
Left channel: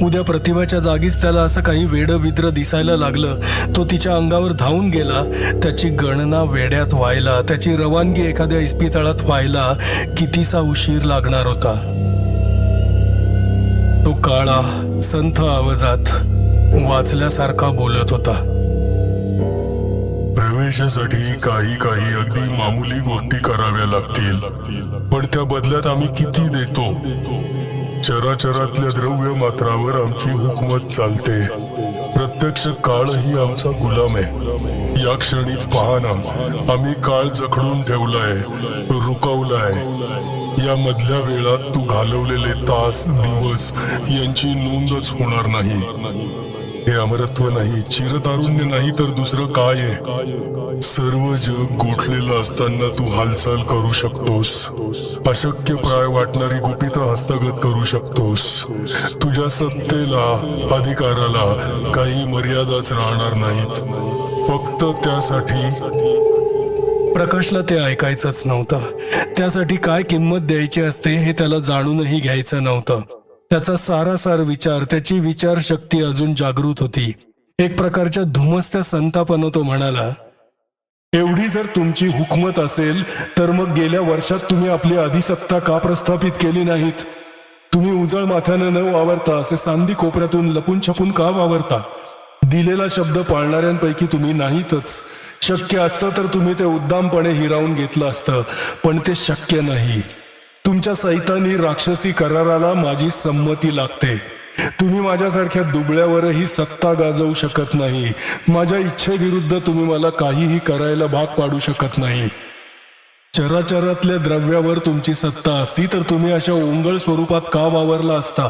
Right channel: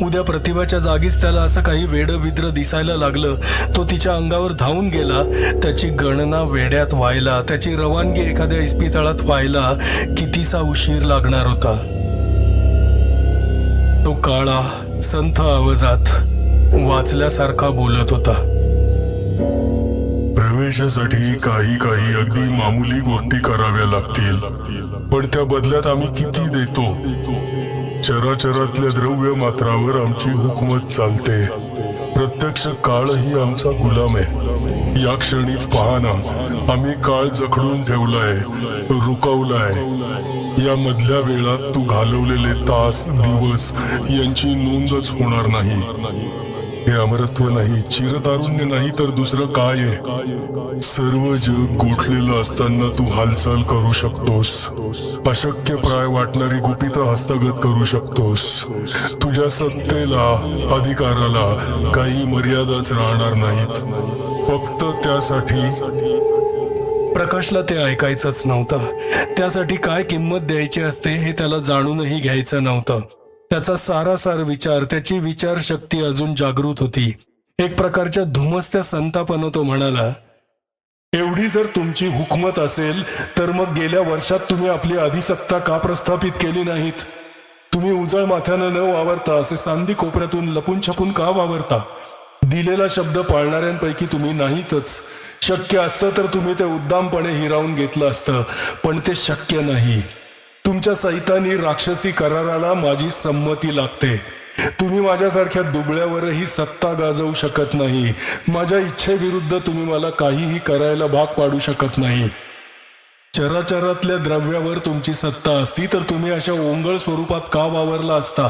उद्या प्रतिभाच्या जागीच त्याला असं काही वेडविद्र दिसायला लागलं. तो तिच्या अंगावर धावून गेला. त्याची गणना वेड्यात व्हायला, त्याची रवानगी एखाद्या इस्पितळात व्हायला कितीसा उशीर लागणार होता. तो काळा संथ आवाजात वाचल्यासारखा बोलत होता. प्रवेशासाठी काही काही अगदी मामूली गोष्टी कराव्या लागतील. पण त्या बदल्यात आम्ही किती देतो? चराचरातल्या द्रव्य मात्रावर आमची हुकूमत चालते. प्रत्यक्ष काळही आमचा गुलाम आहे. या क्षणीच पहा ना, आम्ही काळ जखडून ठेवलाय, रुकवलाय. या मधल्या वेळात तू घालवलेले तास, दिवस यांची नोंदच होणार नाही. हे अमरत्व नाही, चिरतारुण्य नाही तर दुसरं काय आहे? सर्व जग गोठलेलं असताना तू हालचाल करू शकतोस. अशक्य प्राय वाटणारी गुपितं हस्तगत करू शकतोस. तुझ्या सत्तेला, अधिकाराला काही मर्यादाच राहणार नाहीत. फक्त त्यासाठी प्रकाशला ते ऐकायचंच नव्हतं. त्यासाठी काय किंमत द्यायची असते हे त्याला जाणूनही घ्यायचं नव्हतं. त्याचा सारासार विचार, त्याची विचारशक्ती अजून जागृत होती. एक प्रकारच्या धुमसत्या संतापानं तो म्हणाला, एवढी जर तुमची हुकमत असेल तर मग गेल्या वर्षात तुम्ही आपली अधिसत्ता का प्रस्थापित केली नाहीत? तुम्ही उजळ माथ्यानं न वावरता असे सांदी कोपऱ्यातून लपून छपून का वावरता? दिलेला शब्द पाळणाऱ्यांपैकी तुम्ही नाहीतच. शक्य असतं तर तुम्ही ते उद्दामपणे हिरावून घेतलं असतं, पण ते शक्य नाही. तुमच्या सैतानी राक्षसी कराराला माझी संमती लागते. तुम्ही माझ्यासारख्या दुबळ्यावरही सत्ता गाजवू शकत नाही. माझ्या इच्छेविरुद्ध तुम्ही मला काहीही करायला भाग पाडू शकत नाही. चराचरातल्या द्रव्यावर तुमची सत्ता असती तर तुम्ही अशा ओंगळ स्वरूपात का वावरला असता?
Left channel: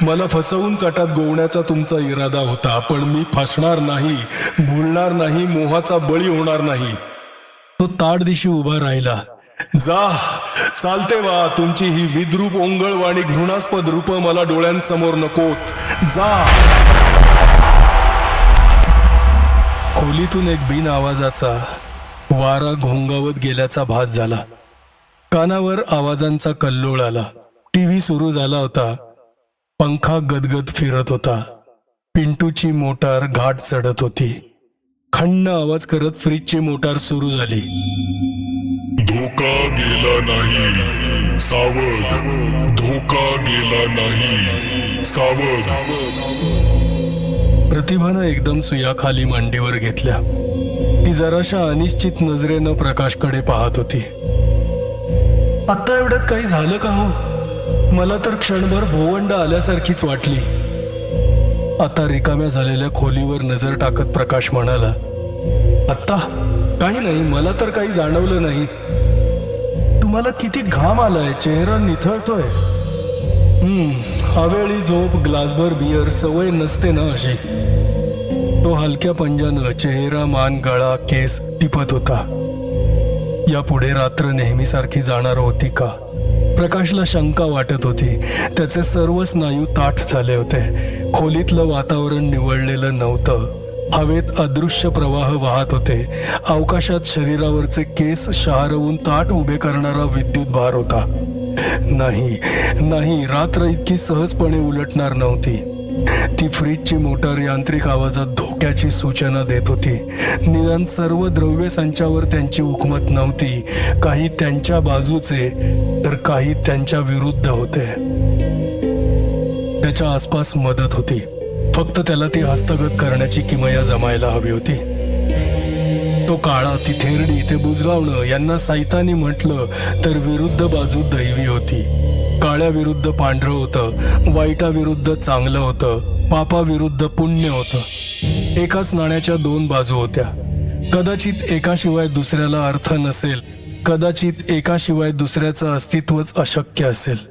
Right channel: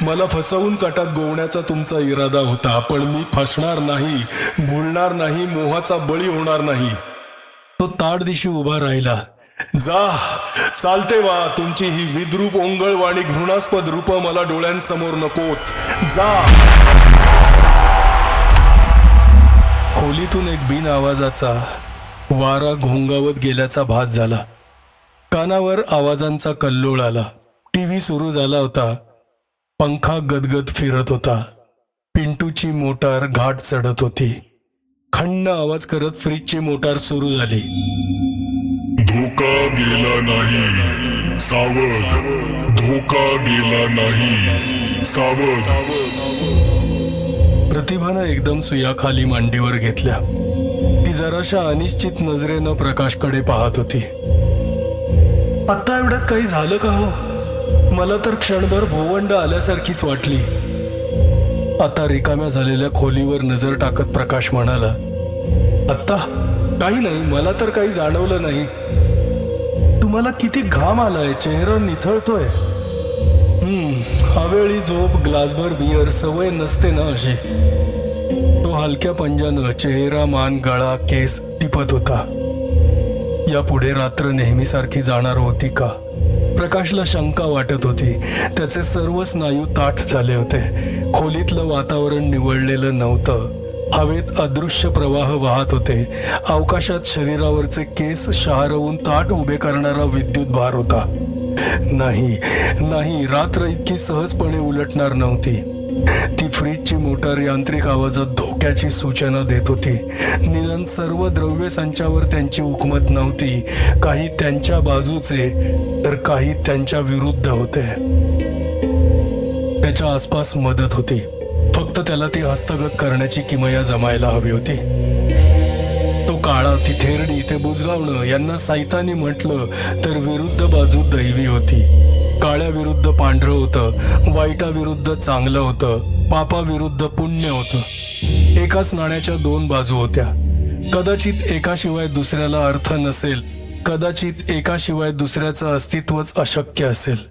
मला फसवून कटात गोवण्याचा तुमचा इरादा होता, पण मी फसणार नाही, भुलणार नाही, मोहाचा बळी होणार नाही. तो ताडदिशी उभा राहिला. जा, चालते वा. तुमची ही विद्रूप ओंगळ आणि घृणास्पद रूप मला डोळ्यांसमोर नकोत. जा. खोलीतून एक बिन आवाजाचा वारा घोंगावत गेल्याचा भास झाला. कानावर आवाजांचा कल्लोळ आला. टीव्ही सुरू झाला होता. पंखा गदगद फिरत होता. पिंटूची मोटार घाट चढत होती. खंड आवाज करत फ्रीजची मोटार सुरू झाली. धोका गेला नाही, सावध. धोका गेला नाही, सावध. प्रतिभानं एकदम सुया खाली मांडीवर घेतल्या. ती जराशा अनिश्चित नजरेनं प्रकाशकडे पाहत होती. आत्ता एवढ्यात काही झालं का हो? मला तर क्षणभर भोवंड आल्यासारखीच वाटली. आता रिकाम्या झालेल्या खोलीवर नजर टाकत प्रकाश म्हणाला, आत्ता काही नाही, मला तर काही जाणवलं नाही. तुम्हाला किती घाम आलाय, चेहरा निथळतोय. अवेळी झोप, ग्लासभर बियर, सवय नसते ना अशी. तो हलक्या पंजानं चेहरा, मान, गळा, केस टिपत होता. यापुढे रात्र नेहमीसारखी जाणार होती का? प्रकाशला शंका वाटत होती. त्याचे सर्व स्नायू ताठ झाले होते. खोलीतलं वातावरण निवळलेलं नव्हतं. हवेत अदृश्य प्रवाह वाहत होते. अवकाशात शरीरावरचे केस शहारवून ताठ उभे करणारा विद्युत भार होता. नाही नाही, रात्र इतकी सहजपणे उलटणार नव्हती. ती फ्रीजची मोटार यांत्रिक आवाजात धोक्याची सूचना देत होती. निदान सर्व द्रव्य संचावर त्यांची हुकमत नव्हती. काही त्यांच्या बाजूचे तर काही त्यांच्या विरुद्ध होते. त्याच्या आसपास मदत होती. फक्त त्याला ती हस्तगत करण्याची किमया जमायला हवी होती. तो काळा, ती थेरडी, ते बुजगावणं यांना सैतानी म्हटलं तर विरुद्ध बाजू दैवी होती. काळ्या विरुद्ध पांढरं होतं, वाईटाविरुद्ध चांगलं होतं, पापाविरुद्ध पुण्य होतं. एकाच नाण्याच्या दोन बाजू होत्या. कदाचित एकाशिवाय दुसऱ्याला अर्थ नसेल, कदाचित एकाशिवाय दुसऱ्याचं अस्तित्वच अशक्य असेल.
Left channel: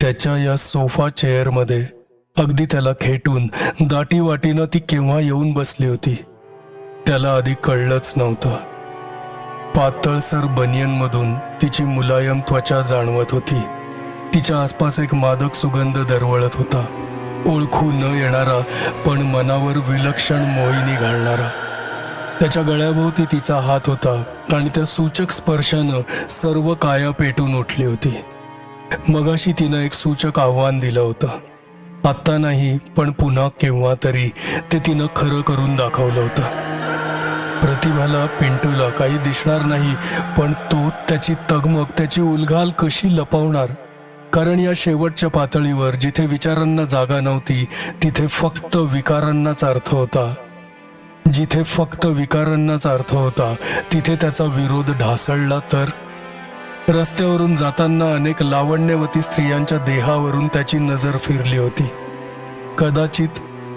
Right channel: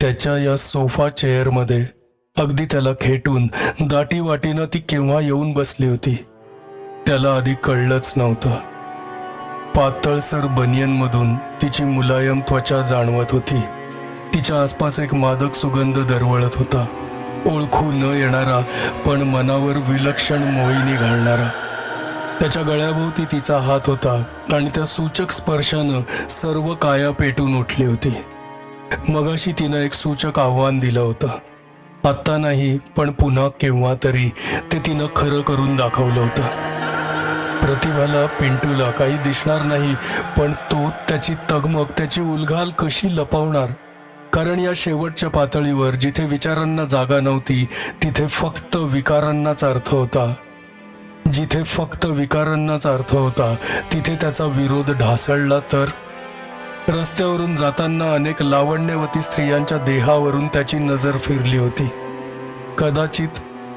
त्याच्या या सोफा चेअरमध्ये अगदी त्याला खेटून दाटीवाटीनं ती केव्हा येऊन बसली होती त्याला आधी कळलंच नव्हतं. पातळसर बनियनमधून तिची मुलायम त्वचा जाणवत होती. तिच्या आसपास एक मादक सुगंध दरवळत होता. ओळखू न येणारा पण मनावर विलक्षण मोहिनी घालणारा. त्याच्या गळ्याभोवती तिचा हात होता आणि त्या सूचक स्पर्शानं सर्व काया पेटून उठली होती. मगाशी तिनं एक सूचक आव्हान दिलं होतं. आत्ता नाही, पण पुन्हा केव्हा तरी ते तिनं खरं करून दाखवलं होतं. प्रतिभाला, पिंटूला काही दिसणार नाही, पण तो त्याची तगमग, त्याची उलघाल कशी लपवणार? कारण या शेवटच्या पातळीवर जिथे विचारांना जागा नव्हती तिथे फक्त विकारांनाच अर्थ होता. जिथे फक्त विकारांनाच अर्थ होता तिथे त्याचा विरोध ढासळला तर? रस्त्यावरून जाताना अनेक लावण्यवती स्त्रियांच्या देहावरून त्याची नजर फिरली होती.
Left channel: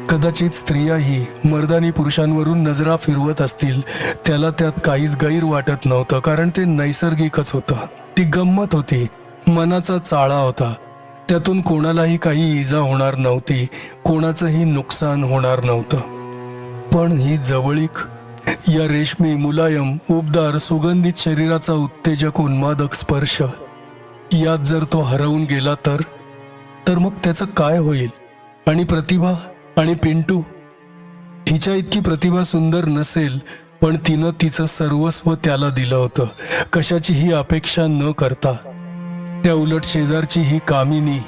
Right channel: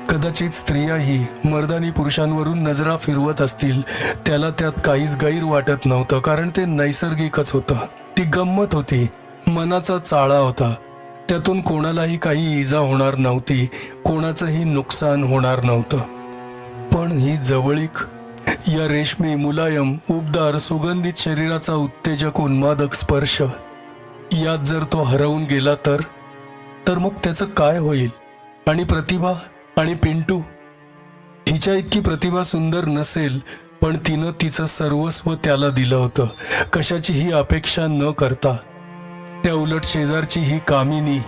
कदाचित स्त्रियाही मर्दानी पुरुषांवरून नजरा फिरवत असतील. त्याला त्यात काहीच गैर वाटत नव्हतं, कारण ते नैसर्गिकच होतं. ती गंमत होती, मनाचा चाळा होता. त्यातून कोणालाही काही इजा होणार नव्हती, कोणाचंही नुकसान होणार नव्हतं. पण ही जवळीक, या रेशमी, मुलायम, उबदार, सुगंधित शरीराचा उत्तेजक उन्मादक स्पर्श, यात जर तो हरवून गेला तर मग त्याचं काय होईल? आणि प्रतिभा आणि पिंटू? हिच्या इतकी प्रतिभा सुंदर नसेल, पण तिनं तिचं सर्वस्व त्याला दिलं होतं, कशाचीही अपेक्षा न करता. त्या उलट शेजारची ही कामिनी,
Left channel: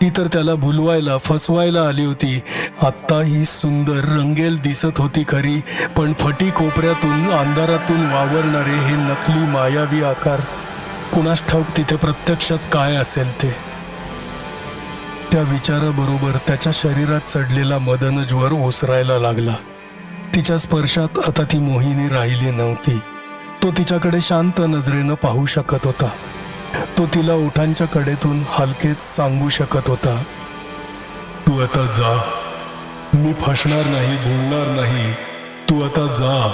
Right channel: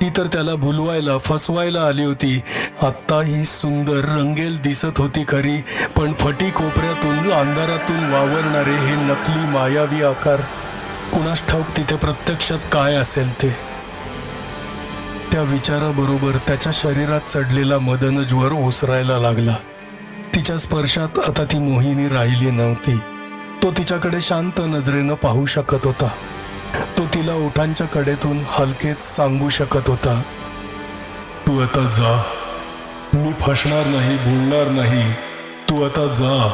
ती तर त्याला भुलवायला, फसवायला आली होती. आत्ता ही सुंदर, रंगेल दिसत होती खरी, पण फटी कोपऱ्यातून, अंधारातून वावरणारे हे नकली मायावी आकार, कुणास ठाऊक तिथे प्रत्यक्षात काय असेल ते. त्या विचाराबरोबर त्याच्या शरीरात चढलेला मदनज्वर ओसरायला लागला. तिच्या स्पर्शात आता ती मोहिनी राहिली नव्हती. तो तिच्याकडे शांत नजरेनं पाहू शकत होता. तो तिला ओठांच्या कडेतून हलकेच सांगू शकत होता, तू आता जा. मी फसणार नाही, भुलणार नाही. तू आता जा.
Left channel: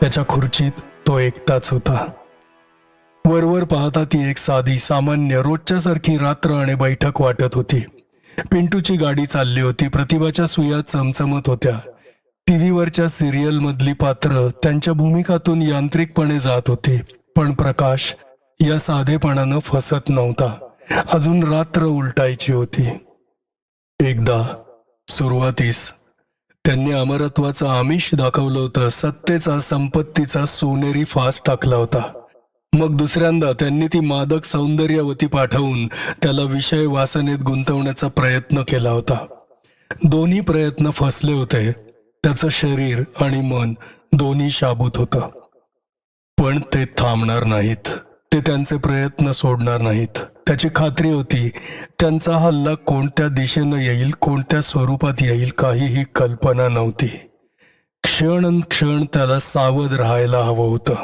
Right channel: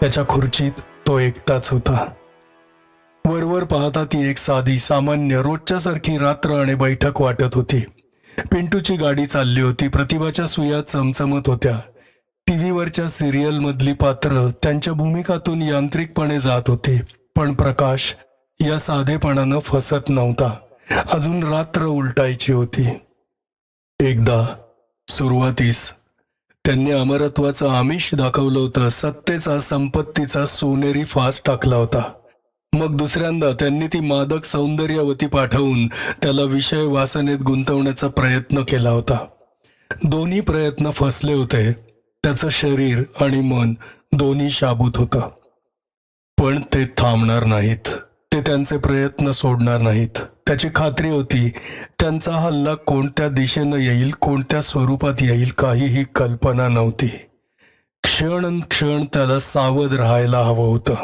त्याच्या खुर्चीत तो एकटाच होता. वरवर पाहता ती एक साधी, सामान्य, रोजच्यासारखी रात्र आणि बैठक वाटत होती. पिंटूची गाडी चालली होती. प्रतिभाच्या सुया चमचमत होत्या. टीव्हीवरच्या सिरियलमधली पात्र त्यांच्या भूमिकातून यांत्रिकपणे जात होती. पण प्रकाश या साधेपणानं फसत नव्हता. अजून रात्र उलटायची होती. एकदा सुरुवातीस त्यांनी अमरत्वाचं आमिष दाखवलं होतं. सत्तेचा, संपत्तीचा सोनेरी फास टाकला होता. मग दुसऱ्यांदा त्यांनी ती मादक सौंदर्यवती पाठवून त्याला विषय वासनेत गुंतवण्याचा प्रयत्न केला होता. दोन्ही प्रयत्न फसले होते. त्याचं शरीर आणि मन दोन्ही शाबूत होतं. पण ते थांबणार नाहीत. ते त्यांचे प्रयत्न सोडणार नाहीत. त्याची खात्री होती. त्यांचा हल्ला कोणत्या दिशेनं येईल, कोणत्या स्वरूपात येईल, काहीही कल्पना नव्हती. क्षण त्याला सावध राहायला हवं होतं.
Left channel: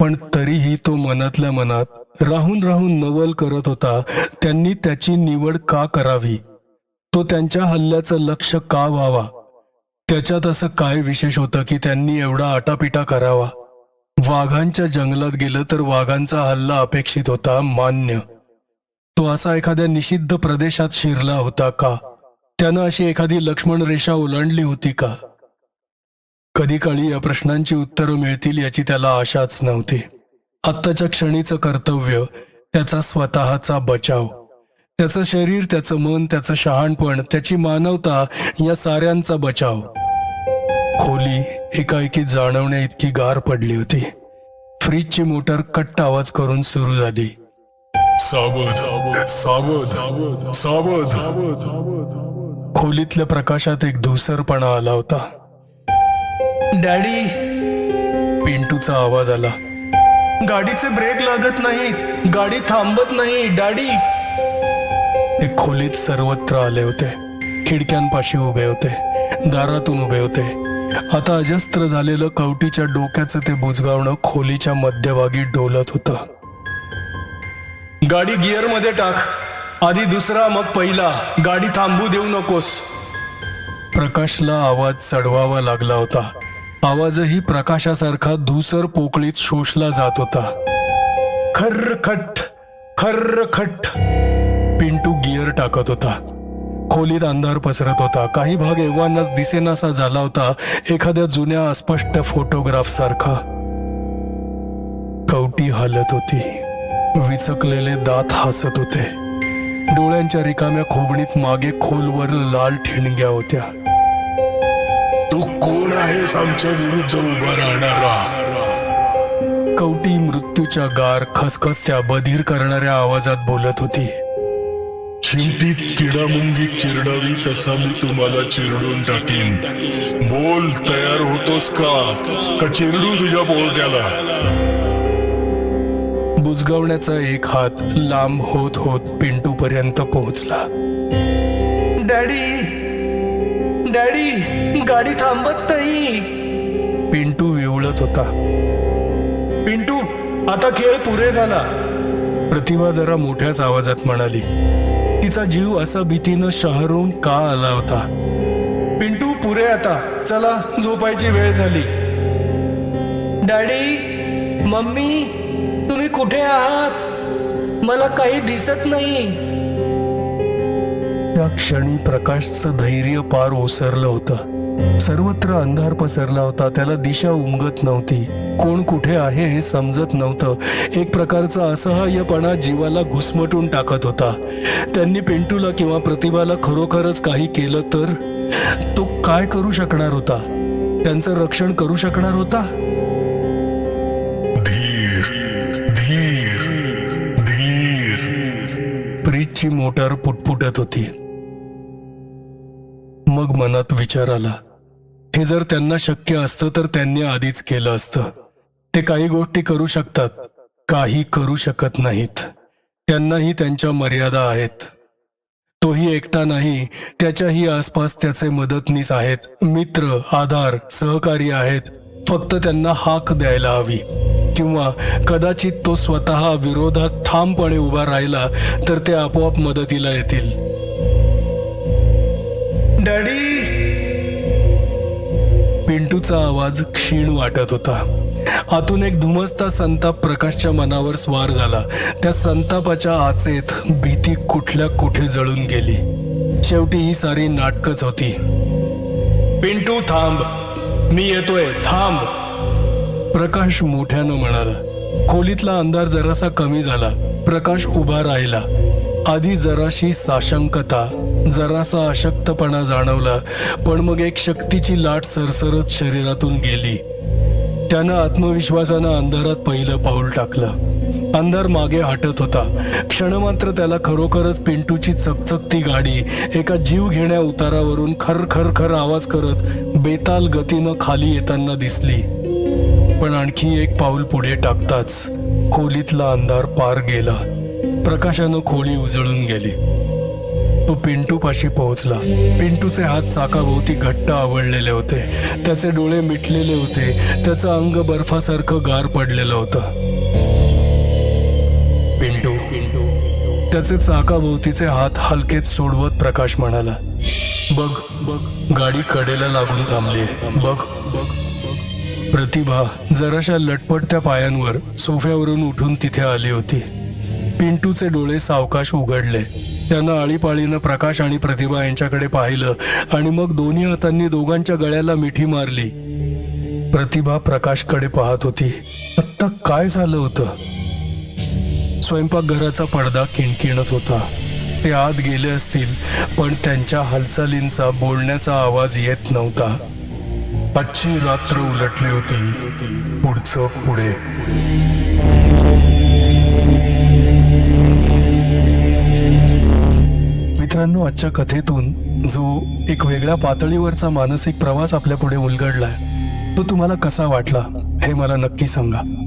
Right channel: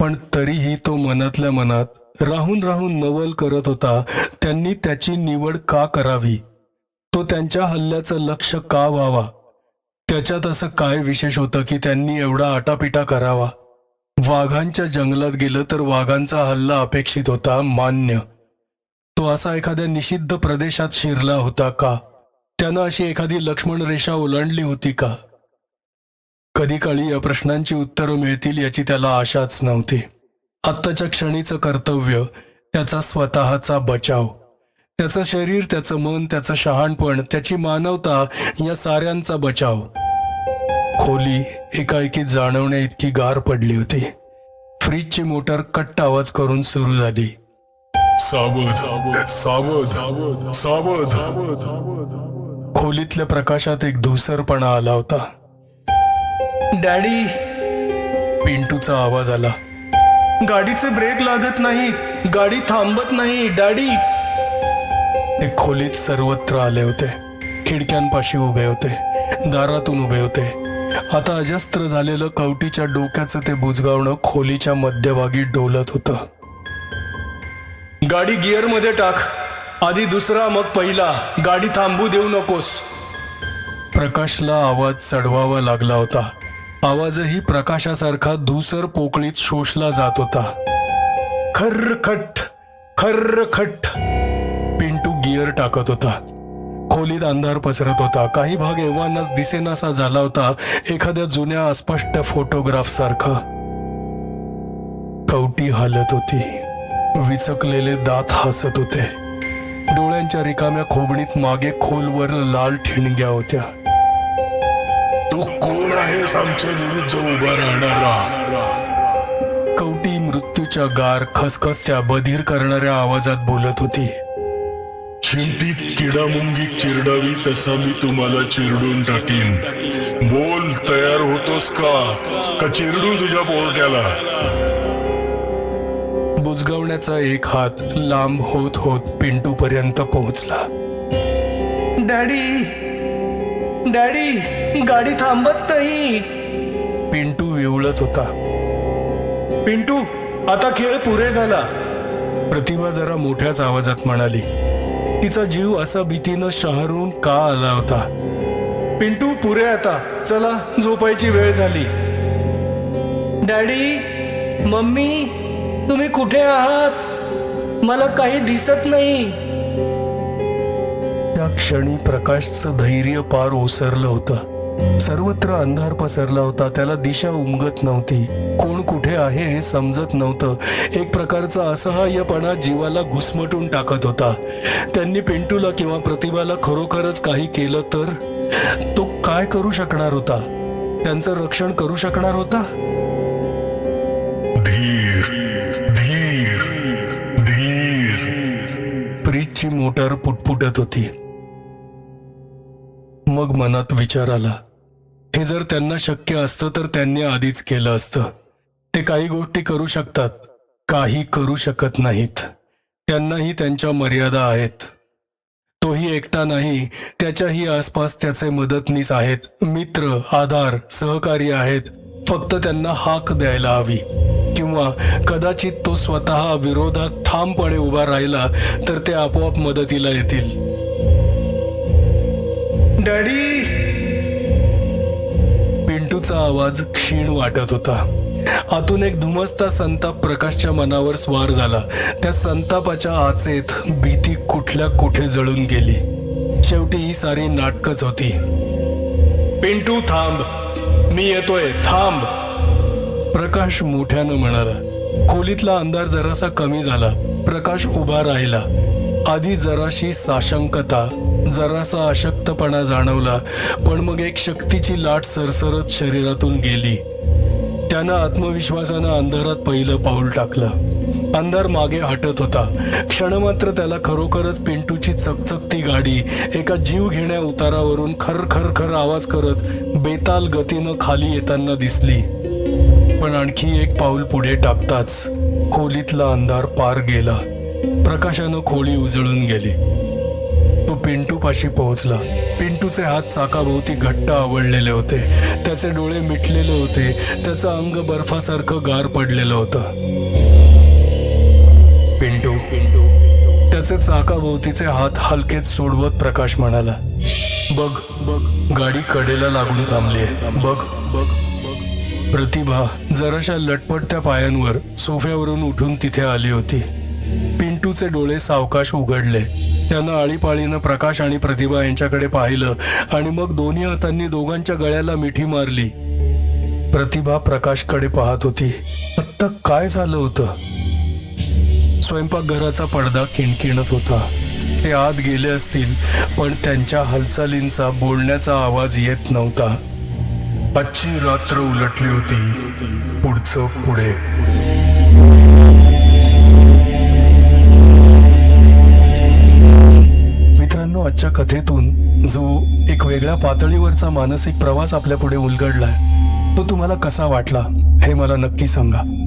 पण तरीही तो मनातल्या मनात राहून नवल करत होता. त्यांनी त्याची निवड का करावी? तो त्यांच्या हल्ल्याचं लक्ष का व्हावा? त्याच्यात असं काय विशेष होतं की त्यांनी एवढा आटापिटा करावा? वाघांच्या जंगलात गेलं तर वाघांचा हल्ला अपेक्षित होता, मान्य. तो असा एखाद्या निषिद्ध प्रदेशात शिरला होता का? त्यानं अशी एखादी लक्ष्मण रेषा ओलांडली होती का? कधी काळी या प्रश्नांची उत्तरं मिळतील याची त्याला आशाच नव्हती. आत्ताच्या क्षणीचं कर्तव्य, त्याचा स्वतःचा बचाव, त्याचं शरीर, त्याचं मन, त्याचं शहाणपण, त्याची मानवता, या साऱ्यांचा बचाव. खोली एकाएकी जाणवण्या इतकी गार पडली होती. फ्रीजची मोटर कट्ट आवाज करून सुरू झाली. सावध सावध सावध. खोलीतल्या प्रकाशात एक धुसरपणा आला होता. डॅडी, पिंटूचा आवाज आला. गाडीचे ब्रेक लागत नाहीत, गाडी थांबत नाही डॅडी. ते खोलीत सर्वत्र आले होते. खिडक्यांपाशी उभे होते, दारातून उभे होते. आता अजस्त्र झालेलं कवटीच्या डोक्याचं ते बुजगावणं खोलीच्या मध्यभागी डोलत होतं. गाडी गिअरमध्ये टाक, आधी दुसरा मग पहिला, गाडी थांबू देऊ नकोस. प्रकाशला आवाज चढवावा लागला होता. आवाजही प्रकाशासारखा धूसर पोकळीत शोषला जात होता. खर्रखट खर्रखट. पिंटू गिअर टाकत होता. खोलीत अंधार पसरत होता. काही भाग एव्हानाच दिसेनासा झाला होता, एखाद्या जुन्या अस्पष्ट फोटोग्राफ सारखा. कवटी हालत होती. विचकलेले दात हसत होते. डोळ्यांच्या रिकाम्या खोबणीत मागे खोलवर लाल ठिणग्या होत्या. तू कोण आहेस आमच्या विरुद्ध उभा राहणारा? कवटी मृत्यूच्या गार खसखसत्या बधीर करणाऱ्या आवाजात बोलत होती. चिमटीत किडा मुंगी चिरडावी तसा मी तुम्हाला चिरडून टाकीन. बोल, तयार होतोस का चिरडू तुझ्या पोरट्याला? बुजगावण्याचा एक हात लांब होत होत पिंटू पर्यंत पोहोचला. डॅडी, डॅडी, गाडी थांबत नाही. पिंटू विवळत होता. पिंटू, आता खेळ पुरे झाला. प्रतिभा जरा मोठ्याच आवाजात म्हणाली. तिचा जीव असा भीतीनं शहरून का आला होता. पिंटू, पुरे आता, चला झोपायची वेळ झाली. डॅडी, मम्मी, तुम्ही कुठे आहात? मला काही दिसत नाही. त्या क्षणी प्रकाशचं धैर्य पार ओसरलं होतं. सर्वत्र अंधार पसरला होता. त्याला दिशा उमगत नव्हती. कोण कुठे आहे हे समजत नव्हतं. एक प्रकारचा असहाय्यपणा जीवाला घुसमटून टाकत होता. त्यांनी पिंटूला किंवा प्रतिभाला खरोखरच काही केलं तर तो काय करू शकणार होता? त्यांचं रक्षण करू शकणार होता? धीर धीर धीर. फ्रीजची मोटर पुटपुटत होती. मग मनात विचार आला, हे जर त्यांना शक्य असतं तर त्यांनी आधीच केलं असतं. ते काही गोष्टी करू शकतात, काही करू शकत नाहीत. त्यांनाही त्यांच्या मर्यादा आहेत. तोही एकटा नाही, त्याच्याही आसपास त्याचे मदतनीस आहेत, मित्र, आधार, सहकारी आहेत. फक्त त्यांना हाक द्यायला हवी. किंवा कदाचित तो स्वतः विरोधात ठामपणे उभा राहिला तर ते आपोआप मदतीला येतील. डॅडी, पिंटूचा आवाज क्षीण वाटत होता. आतून एक धुमसता संताप प्रकाशच्या मनावर स्वार झाला. त्या संतापाच्या आचेत भीती कुठल्या कुठे जळून गेली. शेवटी ही सारी नाटकच होती. पिंटू, थांब, मी येतोय, थांब. प्रकाश मोठ्यानं म्हणाला. खोलीतला अंधार जरासा कमी झाला. प्रकाश उभा राहिला. आधी जराशी साशंकता, जरासा अशक्तपणा जाणवला, पण मग एक शक्तीची लाट सरसरत शरीरातून गेली. त्यानं आत्मविश्वासानं अंधारात पहिलं पाऊल टाकलं. अंधार मागे हटत होता. क्षणमात्र त्याला खरोखरच पिंटूची चकचकती गाडी एका जीव घेण्या उतारावरून खर खर खर आवाज करत बेताल गतीनं खाली येताना दिसली. पण आणखी एक पाऊल पुढे टाकताच खोलीतला अंधार पार गेला. प्रकाशानं खोली उजळून गेली. तो पिंटूपाशी पोहोचला. पिंटूचे हात चाकाभोवती घट्ट आवळलेले होते. त्याचे डोळे मिटलेले होते. त्याचं अंग बर्फासारखं गार पडलेलं होतं. पिंटू, त्याचे चाकाभोवतीचे हात हलकेच सोडवत प्रकाश म्हणाला, बघ बघ, गाडी कडेला लागून थांबलीये, बघ बघ. प्रतिभा जराशा लटपटत्या पायांवर सोफ्यावरून उठून तिथे आली होती. पिंटूचे डोळे सावकाश उघडले. त्यानं आळीपाळीनं प्रकाश आणि प्रतिभा यांच्याकडे पाहिलं आणि मग दोन्ही हातांनी दोघांच्या गळ्याला मिठी मारली. प्रतिभा प्रकाशकडे पाहत होती. आत्ता काय झालं होतं? स्वयंपाकघराचा पडदा किणकिणत होता. ते आत गेले असतील, पण त्यांच्या हालचालींचा, बोलण्याचा आवाज येत नव्हता. आजची रात्र उलटली होती. पुढचं पुढे. मित्रांनो, आजच्या कथेतून जो एक वेगळ्या पातळीवरचा मानसिक प्रवास आपल्या पुढे उलगडलाय, तो तुम्हाला कसा वाटला हे मला नक्की सांगा.